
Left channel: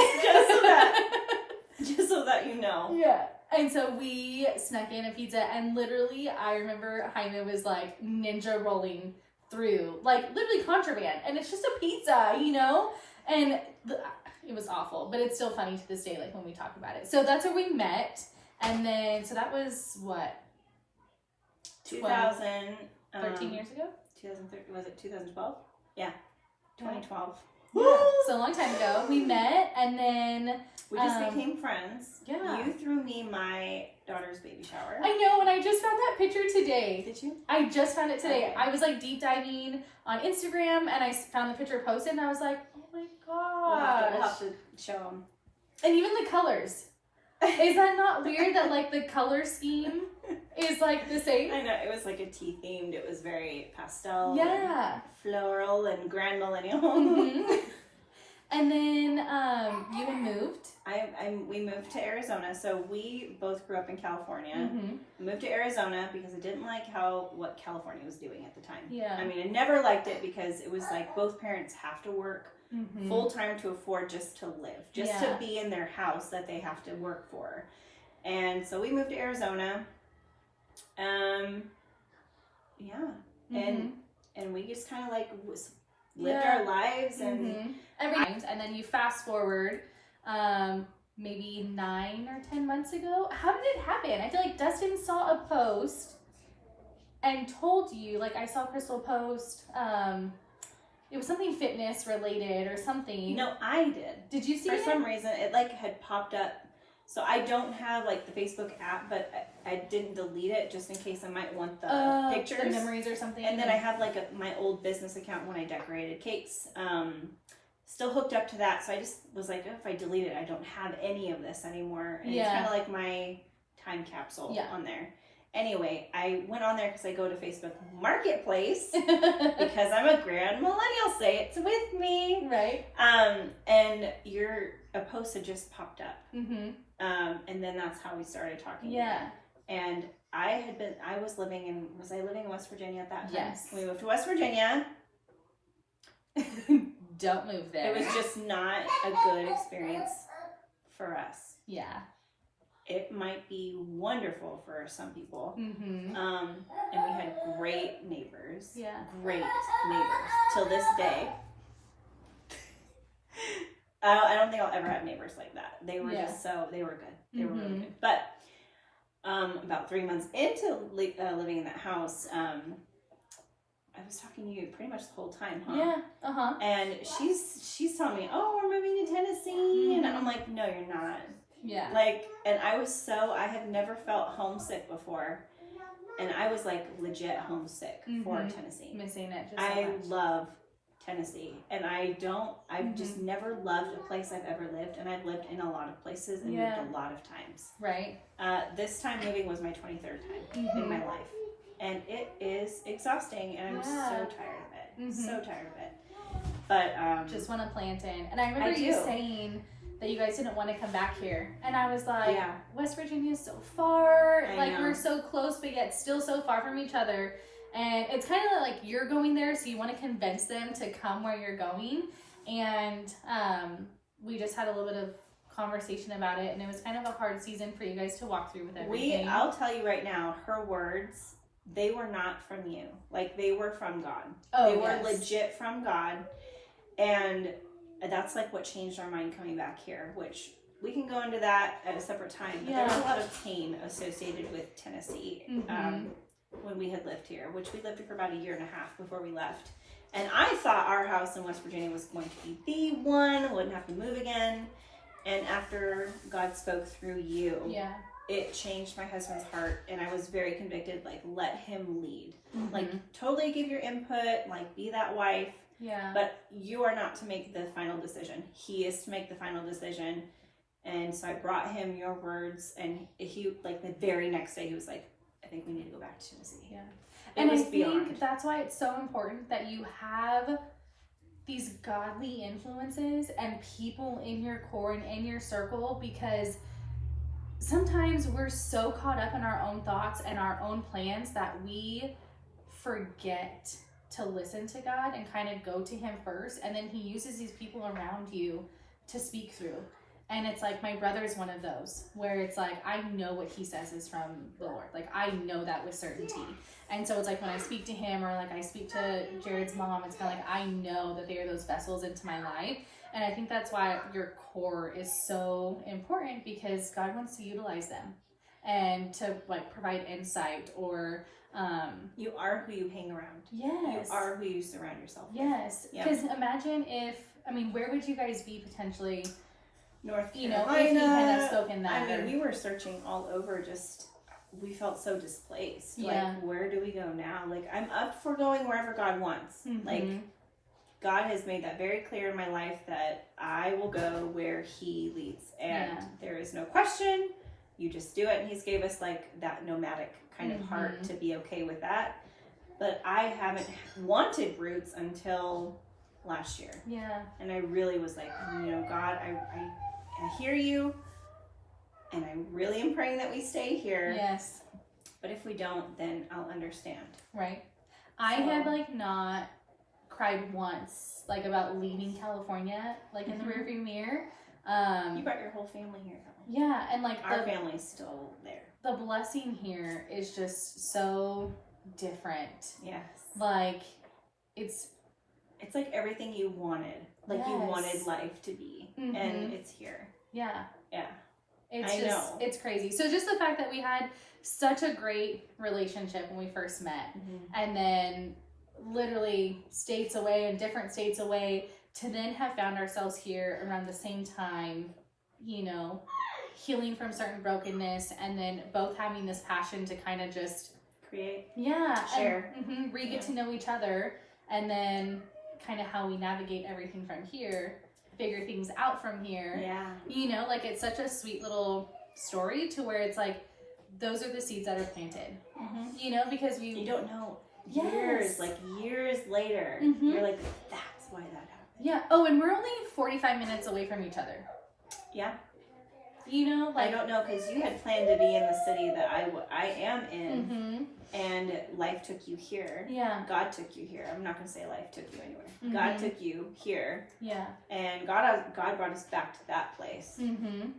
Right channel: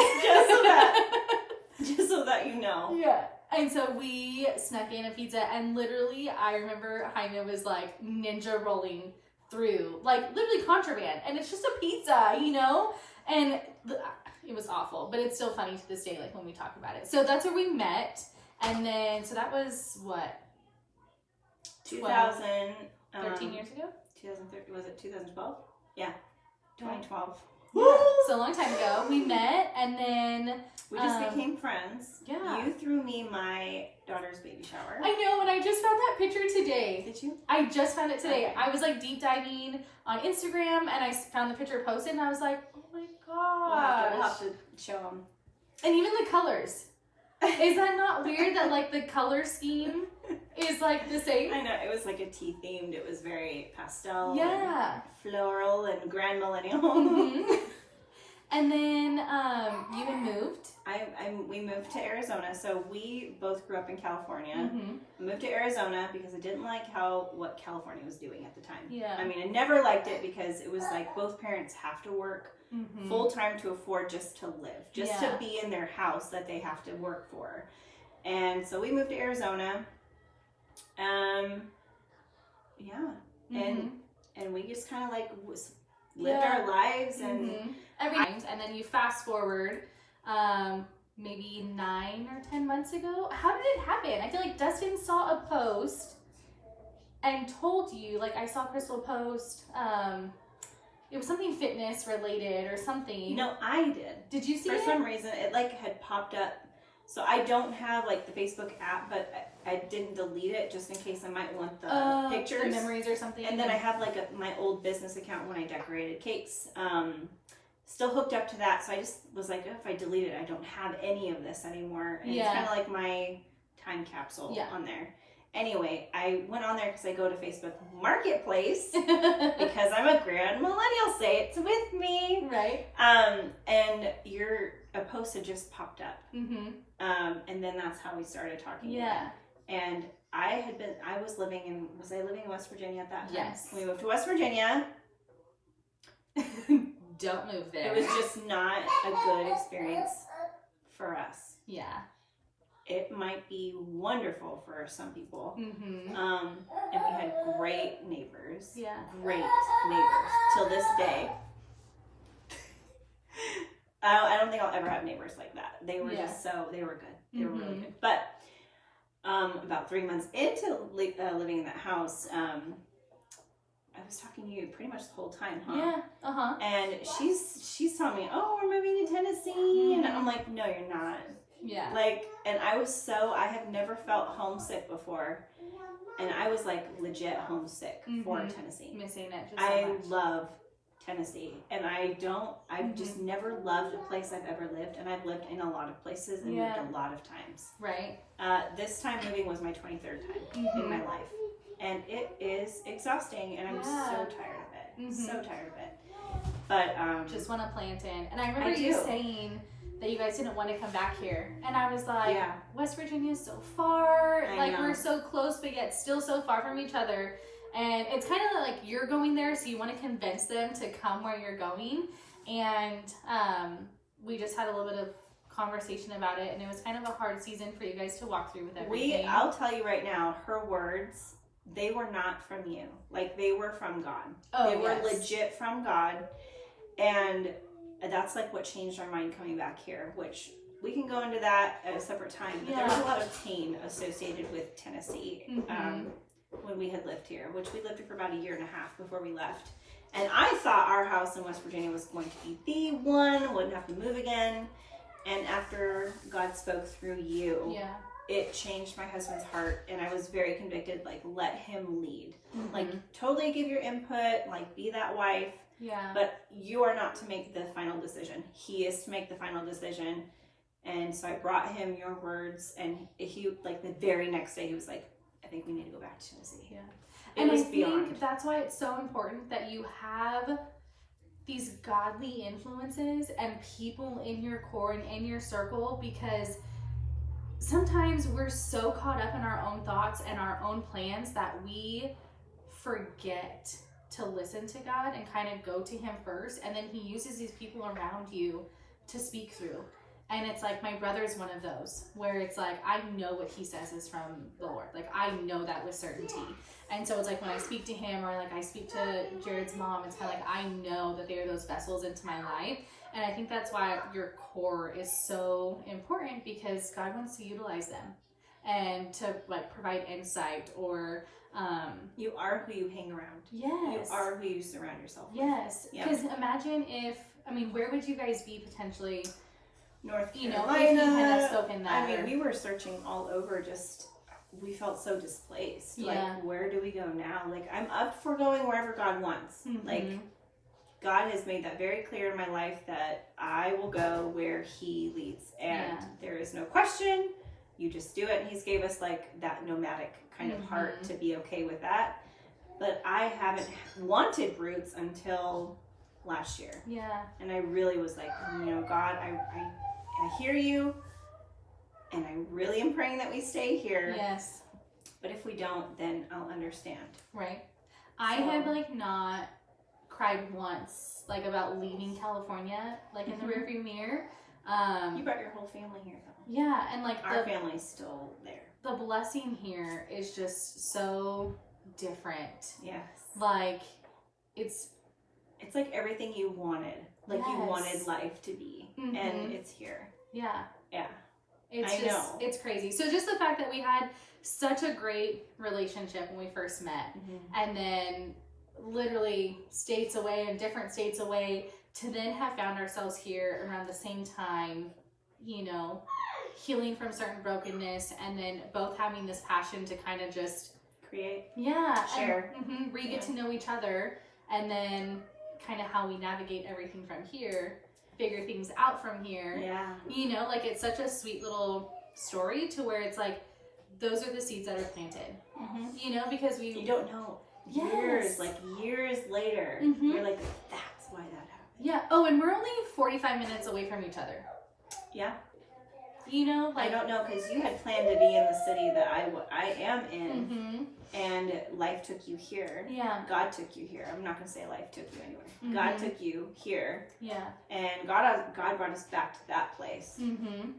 Just so that you know. Yeah. And so we snuck in a pizza, and literally I remember Jaime was like ninja rolling through, like literally contraband, and it's just a pizza, you know? And it was awful, but it's still funny to this day, like when we talk about it. So that's where we met, and then, so that was what? 13 years ago? 2013, was it 2012? Yeah, 2012. Yeah, so a long time ago. We met, and then we just became friends. Yeah. You threw me my daughter's baby shower. I know, and I just found that picture today. Did you? I just found it today. Okay. I was like deep diving on Instagram, and I found the picture posted, and I was like, oh my gosh. We'll have to show them. And even the colors. Is that not weird that like the color scheme is like the same? I know, it was like a tea themed. It was very pastel, Yeah. and floral, and grand millennial. Mhm. And then you moved. We moved to Arizona, so we both grew up in California. Mm-hmm. Moved to Arizona because I didn't like what California was doing at the time. Yeah. I mean, I never liked it because it was like both parents have to work full time to afford just to live, just to be in their house that they have to work for. And so we moved to Arizona. And we just kind of like lived our lives and and then you fast forward maybe 9 or 10 months ago. How did it happen? I feel like Dustin saw a post and told you, like, I saw Crystal post, it was something fitness related or something. No, I did. Did you see it? For some reason, it like had popped up. So I don't have like the Facebook app, but I didn't delete it just in case I might want the pictures. The memories or something. And then I have like my old business account when I decorated cakes. Still hooked up to that. So I just was like, oh, if I delete it, I don't have any of this anymore. And it's kind of like my time capsule on there. Anyway, I went on there because I go to Facebook Marketplace because I'm a grand millennial. Say it's with me. Right. And a post had just popped up. And then that's how we started talking. Yeah. And I was living in West Virginia at that time? Yes. We moved to West Virginia. Don't move there. It was just not a good experience for us. Yeah. It might be wonderful for some people. Mm-hmm. And we had great neighbors. Yeah. Great neighbors. Till this day. I don't think I'll ever have neighbors like that. They were they were good. They were really good. But about 3 months into living in that house, I was talking to you pretty much the whole time, huh? Yeah. Uh-huh. And she's telling me, oh, we're moving to Tennessee. And I'm like, no, you're not. Yeah. Like, and I have never felt homesick before. And I was like legit homesick for Tennessee. Missing it just I so much. love Tennessee. And I've just never loved a place I've ever lived. And I've lived in a lot of places and moved a lot of times. Right. This time moving was my 23rd time in my life. And it is exhausting, and I'm so tired of it. So tired of it. But just want to plant in. And I remember you saying that you guys didn't want to come back here, and I was like, West Virginia is so far. I like know. we're so close, but yet still so far from each other. And it's kind of like you're going there, so you want to convince them to come where you're going. And we just had a little bit of conversation about it, and it was kind of a hard season for you guys to walk through with everything. I'll tell you right now, her words. They were not from you. Like, they were from God. They were legit from God. And that's like what changed our mind coming back here, which we can go into that at a separate time. But there was a lot of pain associated with Tennessee when we had lived here, which we lived here for about 1.5 years before we left. And I thought our house in West Virginia was going to be the one, wouldn't have to move again. And after God spoke through you, it changed my husband's heart, and I was very convicted, like, let him lead. Like, totally give your input, like, be that wife. Yeah. But you are not to make the final decision. He is to make the final decision. And so I brought him your words, and he, like, the very next day, he was like, I think we need to go back to Tennessee. Yeah. And I think that's why it's so important that you have these godly influences and people in your core and in your circle, because sometimes we're so caught up in our own thoughts and our own plans that we forget to listen to God and kind of go to him first, and then he uses these people around you to speak through. And it's like, my brother's one of those where it's like, I know what he says is from the Lord. Like, I know that with certainty. And so it's like when I speak to him, or like I speak to Jared's mom, it's kind of like, I know that they are those vessels into my life. And I think that's why your core is so important, because God wants to utilize them and to like provide insight, or you are who you hang around. Yes. You are who you surround yourself with. Yes. Because imagine if, where would you guys be potentially, North if Carolina. he hadn't spoken that? I mean, we were searching all over, just, we felt so displaced. Yeah. Like, where do we go now? Like, I'm up for going wherever God wants. Like, God has made that very clear in my life that I will go where He leads, and there is no question. You just do it, and He's gave us like that nomadic kind of heart to be okay with that. But I haven't wanted roots until last year. Yeah. And I really was like, God, I hear you, and I really am praying that we stay here. Yes. But if we don't, then I'll understand. Right. I had like not cried once, like about leaving California, like in the rearview mirror. You brought your whole family here, though. Yeah, and like our family's still there. The blessing here is just so different. Yes. Like it's like everything you wanted. Like you wanted life to be. And it's here. Yeah. Yeah. I know. It's crazy. So just the fact that we had such a great relationship when we first met, and then literally states away and different states away, to then have found ourselves here around the same time, healing from certain brokenness, and then both having this passion to kind of just create, share, and, get to know each other, and then kind of how we navigate everything from here, figure things out from here. Yeah. Like it's such a sweet little story to where it's like those are the seeds that are planted. Because you don't know years later, you're like, that's why that happened. Yeah. Oh, and we're only 45 minutes away from each other. Yeah. Like I don't know, because you had planned to be in the city that I am in, and life took you here. Yeah. God took you here. I'm not going to say life took you anywhere. God took you here. Yeah. And God brought us back to that place. Mm-hmm.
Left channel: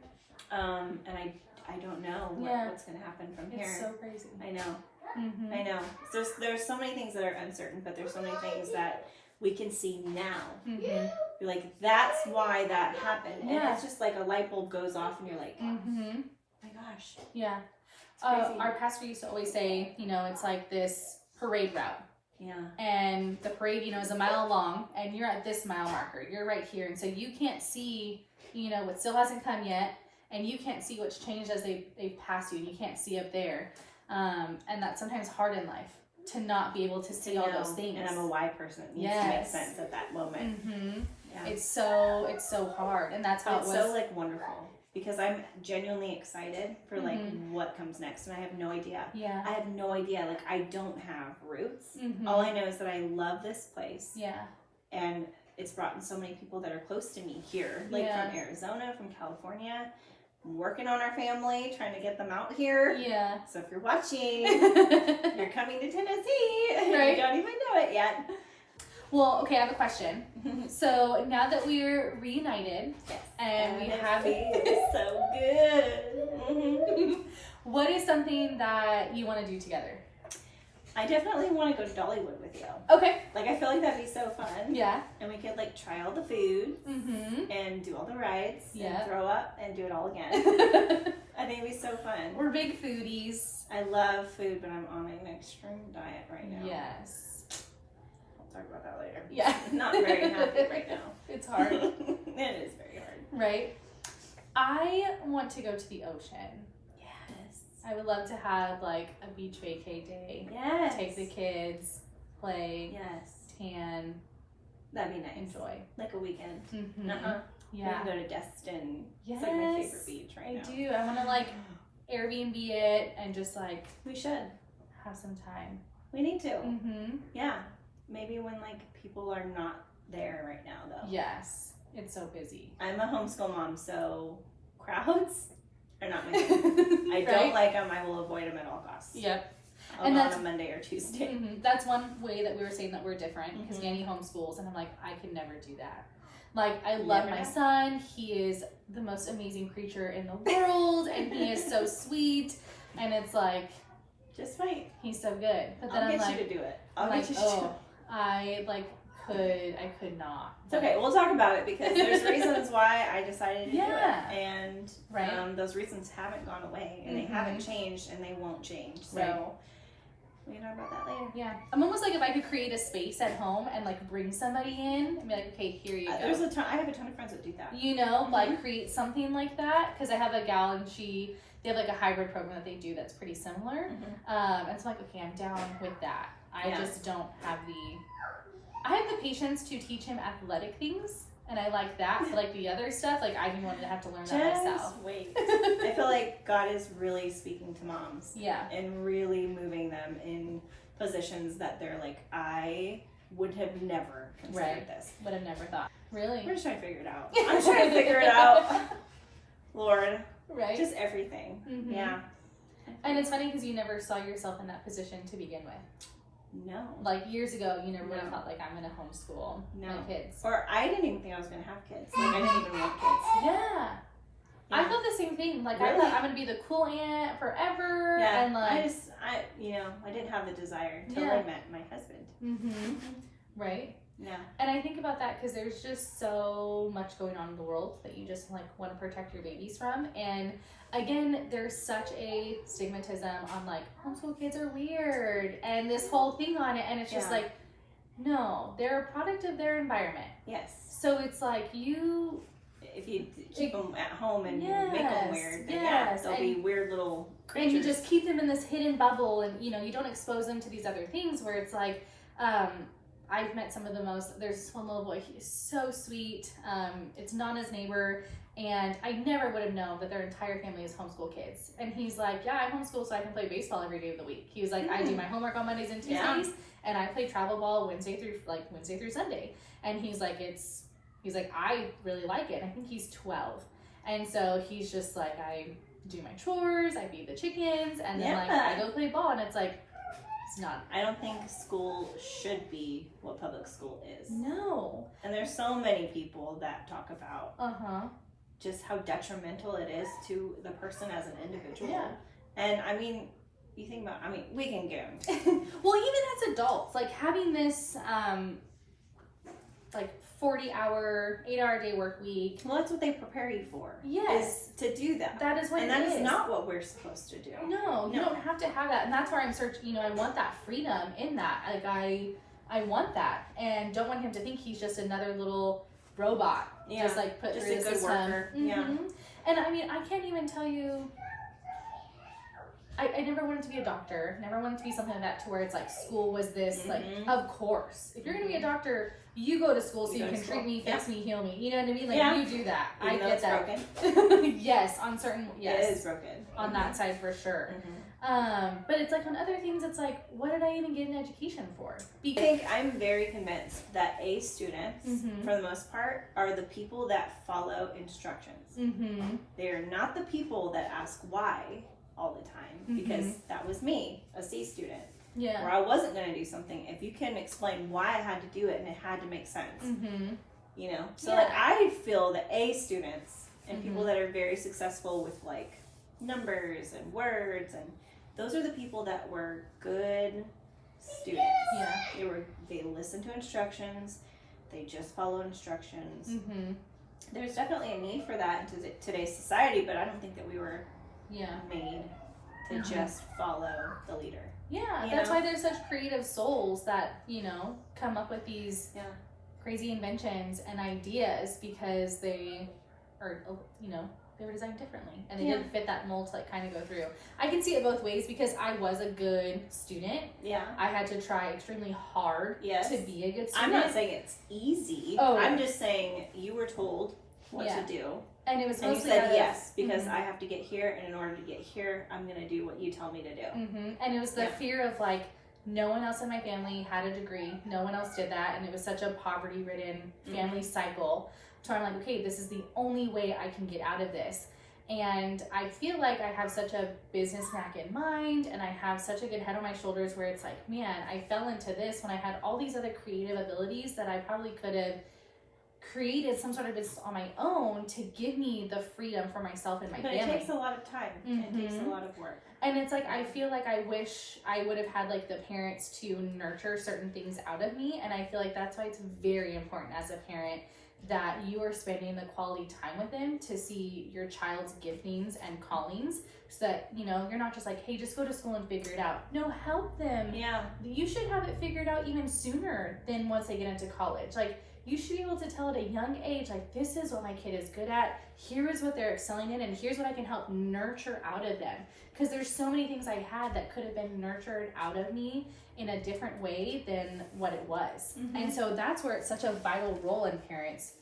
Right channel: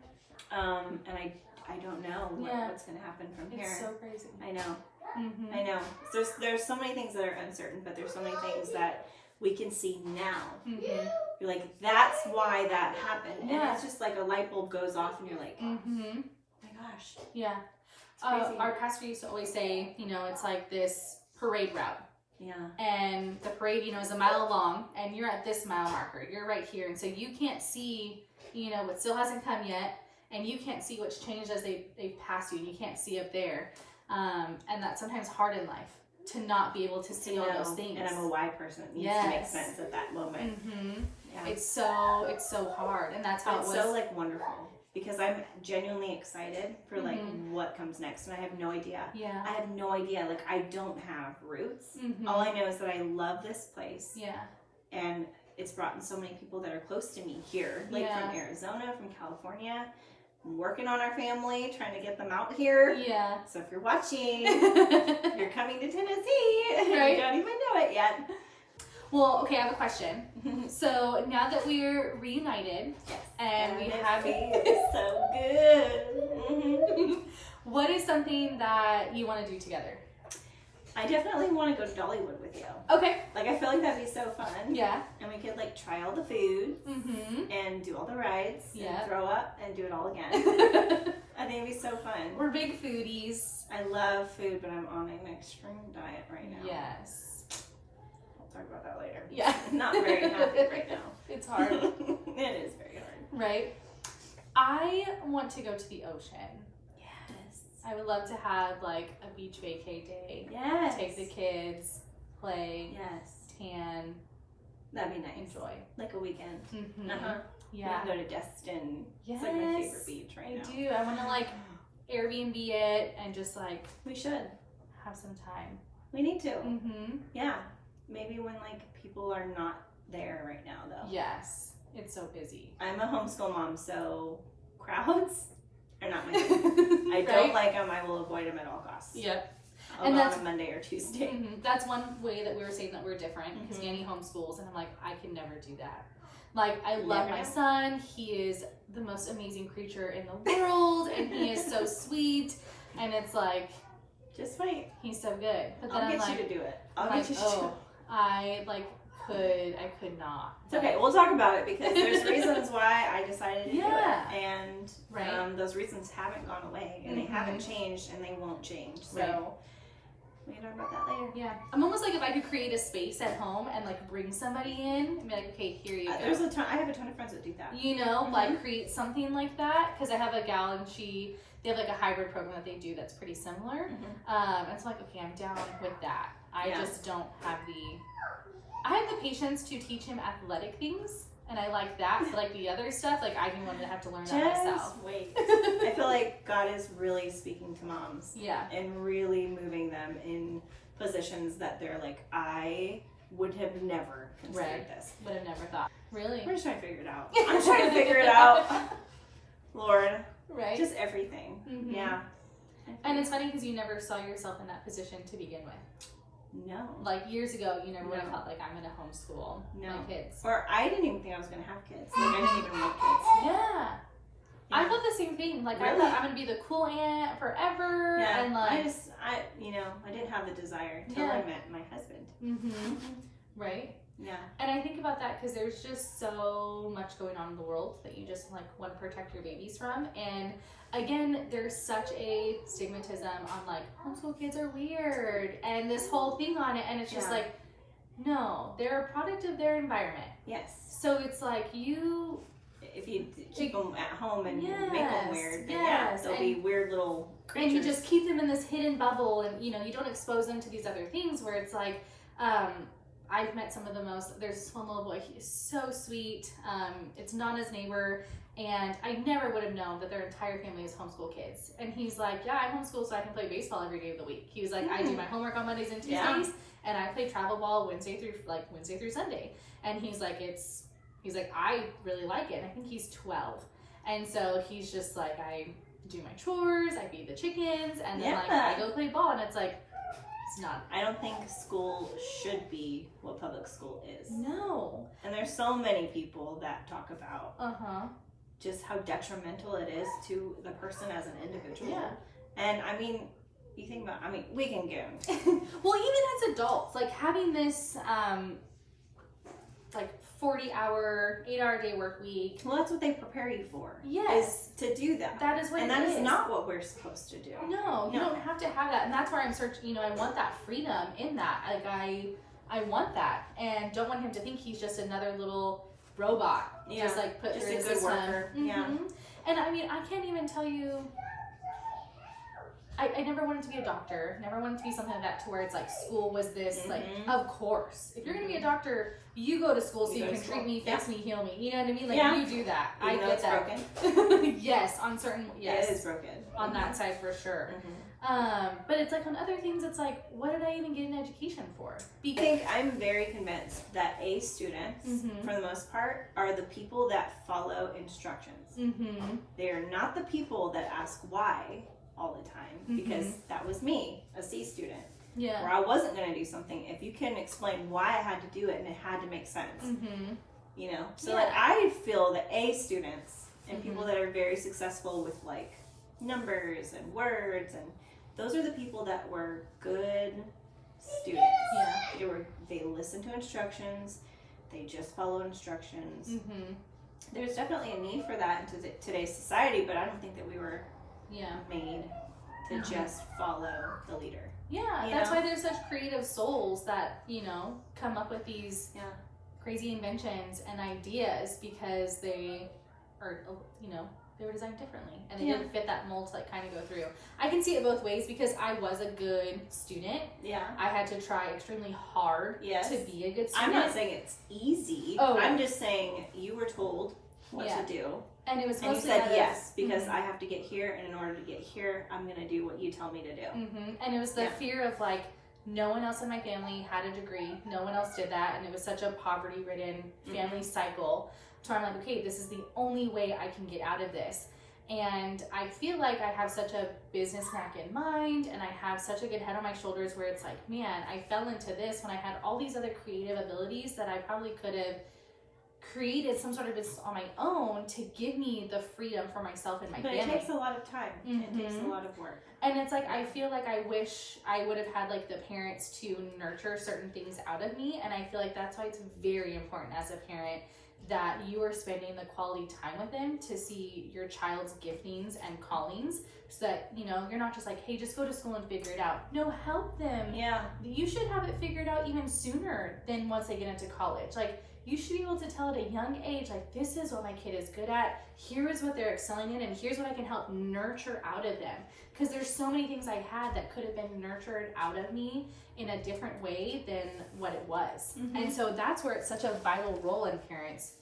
And I don't know what's going to happen from here. It's so crazy. I know. I know. There's so many things that are uncertain, but there's so many things that we can see now. You're like, that's why that happened. And it's just like a light bulb goes off and you're like, oh my gosh. Yeah. Our pastor used to always say, it's like this parade route. Yeah. And the parade, is a mile long, and you're at this mile marker. You're right here. And so you can't see, what still hasn't come yet. And you can't see what's changed as they pass you. And you can't see up there. And that's sometimes hard in life, to not be able to see all those things. And I'm a why person. It needs to make sense at that moment. Yeah. It's so hard. And that's how it was. It's so like wonderful, because I'm genuinely excited for like what comes next. And I have no idea. Yeah. I have no idea. Like, I don't have roots. All I know is that I love this place. Yeah. And it's brought in so many people that are close to me here, like from Arizona, from California. I'm working on our family, trying to get them out here. Yeah. So if you're watching, you're coming to Tennessee. Right. You don't even know it yet. Well, okay, I have a question. So now that we're reunited, and we have it's so good. What is something that you want to do together? I definitely want to go to Dollywood with you. Okay. Like, I feel like that'd be so fun. Yeah. And we could like try all the food and do all the rides and throw up and do it all again. I think it'd be so fun. We're big foodies. I love food, but I'm on an extreme diet right now. Yes. We'll talk about that later. Yeah. Not very happy right now. It's hard. It is very hard. Right. I want to go to the ocean. Yes. I would love to have like a beach vacay day. Yes. Take the kids, play. Yes. Tan. That'd be nice. Enjoy. Like a weekend. Yeah. We can go to Destin. Yes. It's like my favorite beach right now. I do. I want to like Airbnb it and just like we should have some time. We need to. Yeah. Maybe when like people are not there right now though. Yes. It's so busy. I'm a homeschool mom, so crowds are not my thing. I don't like them. I will avoid them at all costs. Yep. I'll go on a Monday or Tuesday. That's one way that we were saying that we're different, because Nanny homeschools, and I'm like, I could never do that. Like, I love my son. He is the most amazing creature in the world, and he is so sweet. And it's like, just wait. He's so good. But then I'll I'm get like, you to do it. I'll get you to do it. I could not. It's okay. We'll talk about it, because there's reasons why I decided to do it. And those reasons haven't gone away, and they haven't changed, and they won't change. So we can talk about that later. Yeah. I'm almost like, if I could create a space at home and like bring somebody in and be like, okay, here you go. I have a ton of friends that do that. Like create something like that. Because I have a gal, and they have like a hybrid program that they do that's pretty similar. And so I'm like, okay, I'm down with that. I just don't have I have the patience to teach him athletic things, and I like that. But like the other stuff, like I didn't want to have to learn that myself. Wait. I feel like God is really speaking to moms. Yeah. And really moving them in positions that they're like, I would have never considered this. Would have never thought. Really? We're just trying to figure it out. I'm trying to figure it out. Lord. Right. Just everything. Mhm. Yeah. And it's funny because you never saw yourself in that position to begin with. No. Like years ago, you never would have No. thought like I'm gonna homeschool No. my kids. Or I didn't even think I was going to have kids. Like, I didn't even want kids. Yeah. I thought the same thing. Like I Really? thought I'm gonna be the cool aunt forever. Yeah. And like. I didn't have the desire till Yeah. I met my husband. Mm-hmm. Right. Yeah. And I think about that because there's just so much going on in the world that you just like want to protect your babies from. And again, there's such a stigmatism on like homeschool kids are weird and this whole thing on it. And it's just Yeah. like, no, they're a product of their environment. Yes. So it's like you, If you keep them at home and Yes, make them weird, then yes, they'll and- be weird little and creatures. you just keep them in this hidden bubble and you know, you don't expose them to these other things where it's like, I've met some of the most, there's this one little boy, he is so sweet. It's Nana's neighbor, and I never would have known that their entire family is homeschool kids. And he's like, yeah, I homeschool so I can play baseball every day of the week. He was like, I do my homework on Mondays and Tuesdays, Yeah. and I play travel ball Wednesday through Sunday. And he's like, I really like it. And I think he's 12. And so he's just like, I do my chores, I feed the chickens, and then like Yeah. I go play ball, and it's like, it's not. I don't think school should be what public school is. No. And there's so many people that talk about Uh-huh. just how detrimental it is to the person as an individual. Yeah. And I mean, you think about, we can get Well, even as adults, like having this, like 40-hour, 8-hour day work week. well, that's what they prepare you for. Yes. Is to do that. That is what and it that is. is not what we're supposed to do. No, you No. don't have to have that. And that's where I'm searching, you know, I want that freedom in that. Like I want that. And don't want him to think he's just another little robot. Yeah. Just like put Just through a the good system. worker. Yeah. Mhm. And I mean, I can't even tell you, I never wanted to be a doctor. Never wanted to be something like that to where it's like school was this, like, Mhm. of course. If you're going to be a doctor, you go to school so You you go can to treat school. me, fix me, heal me. You know what I mean? Like, Yeah. you do that. Even I though get it's that. broken. Yes, on certain, yes. It is broken. On that side for sure. Mhm. But it's like on other things, it's like, what did I even get an education for? I think I'm very convinced that A students, Mhm. for the most part, are the people that follow instructions. Mm-hmm. They are not the people that ask why all the time, because that was me, a C student, Yeah. where I wasn't going to do something. If you can explain why I had to do it and it had to make sense, Mm-hmm. you know? So, Yeah. like, I feel that A students and people Mhm. that are very successful with, like, numbers and words, and those are the people that were good students. Yeah. They listen to instructions, they just follow instructions. Mm-hmm. There's definitely a need for that in today's society, but I don't think that we were Yeah. made to Mhm. just follow the leader. Yeah, You that's know? why there's such creative souls that, you know, come up with these Yeah. crazy inventions and ideas because they are, you know, they were designed differently and they Yeah. didn't fit that mold to like kind of go through. I can see it both ways because I was a good student. Yeah. I had to try extremely hard Yes. to be a good I'm student. not saying it's easy. Oh. I'm just saying you were told what Yeah. to do. and it was And you mostly said yes, because Mhm. I have to get here, and in order to get here, I'm going to do what you tell me to do. And it was the Yeah. fear of like, no one else in my family had a degree. No one else did that. And it was such a poverty ridden family cycle. So I'm like, okay, this is the only way I can get out of this. And I feel like I have such a business knack in mind and I have such a good head on my shoulders where it's like, man, I fell into this when I had all these other creative abilities that I probably could have created some sort of business on my own to give me the freedom for myself and my But family. it takes a lot of time. It takes a Mhm. lot of work. And it's like, I feel like I wish I would have had like the parents to nurture certain things out of me. And I feel like that's why it's very important as a parent that you are spending the quality time with them to see your child's giftings and callings so that, you know, you're not just like, hey, just go to school and figure it out. No, help them. Yeah. You should have it figured out even sooner than once they get into college. Like, you should be able to tell at a young age, like, this is what my kid is good at, here is what they're excelling in, and here's what I can help nurture out of them. Because there's so many things I had that could have been nurtured out of me in a different way than what it was. And so that's where it's such a vital role in parents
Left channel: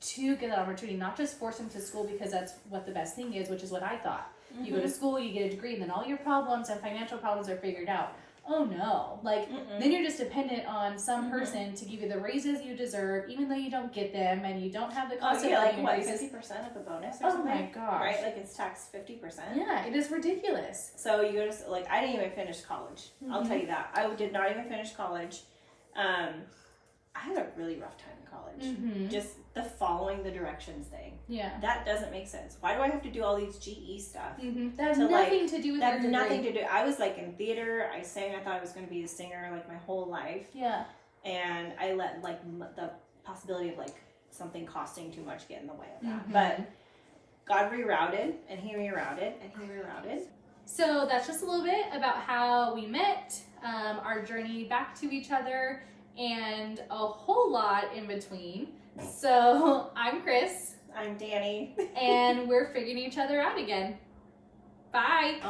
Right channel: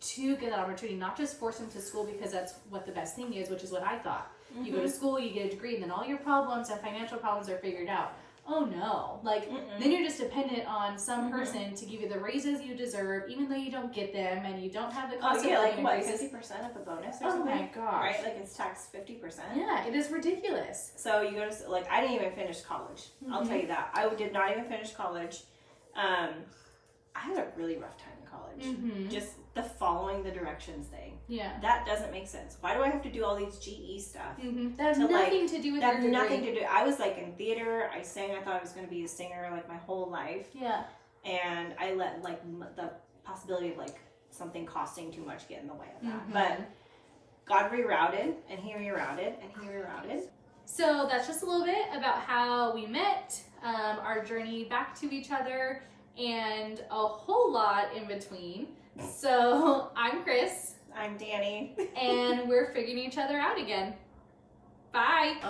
to get that opportunity, not just force them to school because that's what the best thing is, which is what I thought. You go to school, you get a degree, and then all your problems and financial problems are figured out. Oh no, like then you're just dependent on some person to give you the raises you deserve, even though you don't get them and you don't have the cost of living increases. 50% of a bonus or Oh something? my gosh. Right, like it's taxed 50%. Yeah, it is ridiculous. So you go to, like, I didn't even finish college. I'll tell you that. I did not even finish college. I had a really rough time in college. Just the following the directions thing. Yeah. That doesn't make sense. Why do I have to do all these GE stuff? That has To, like, nothing to do with That your had degree. nothing to do. I was like in theater. I sang. I thought I was going to be a singer like my whole life, Yeah. and I let like the possibility of like something costing too much get in the way of that. But God rerouted, and He rerouted, and He rerouted. So that's just a little bit about how we met, our journey back to each other, and a whole lot in between. So I'm Chris. I'm Danny. And we're figuring each other out again. Bye.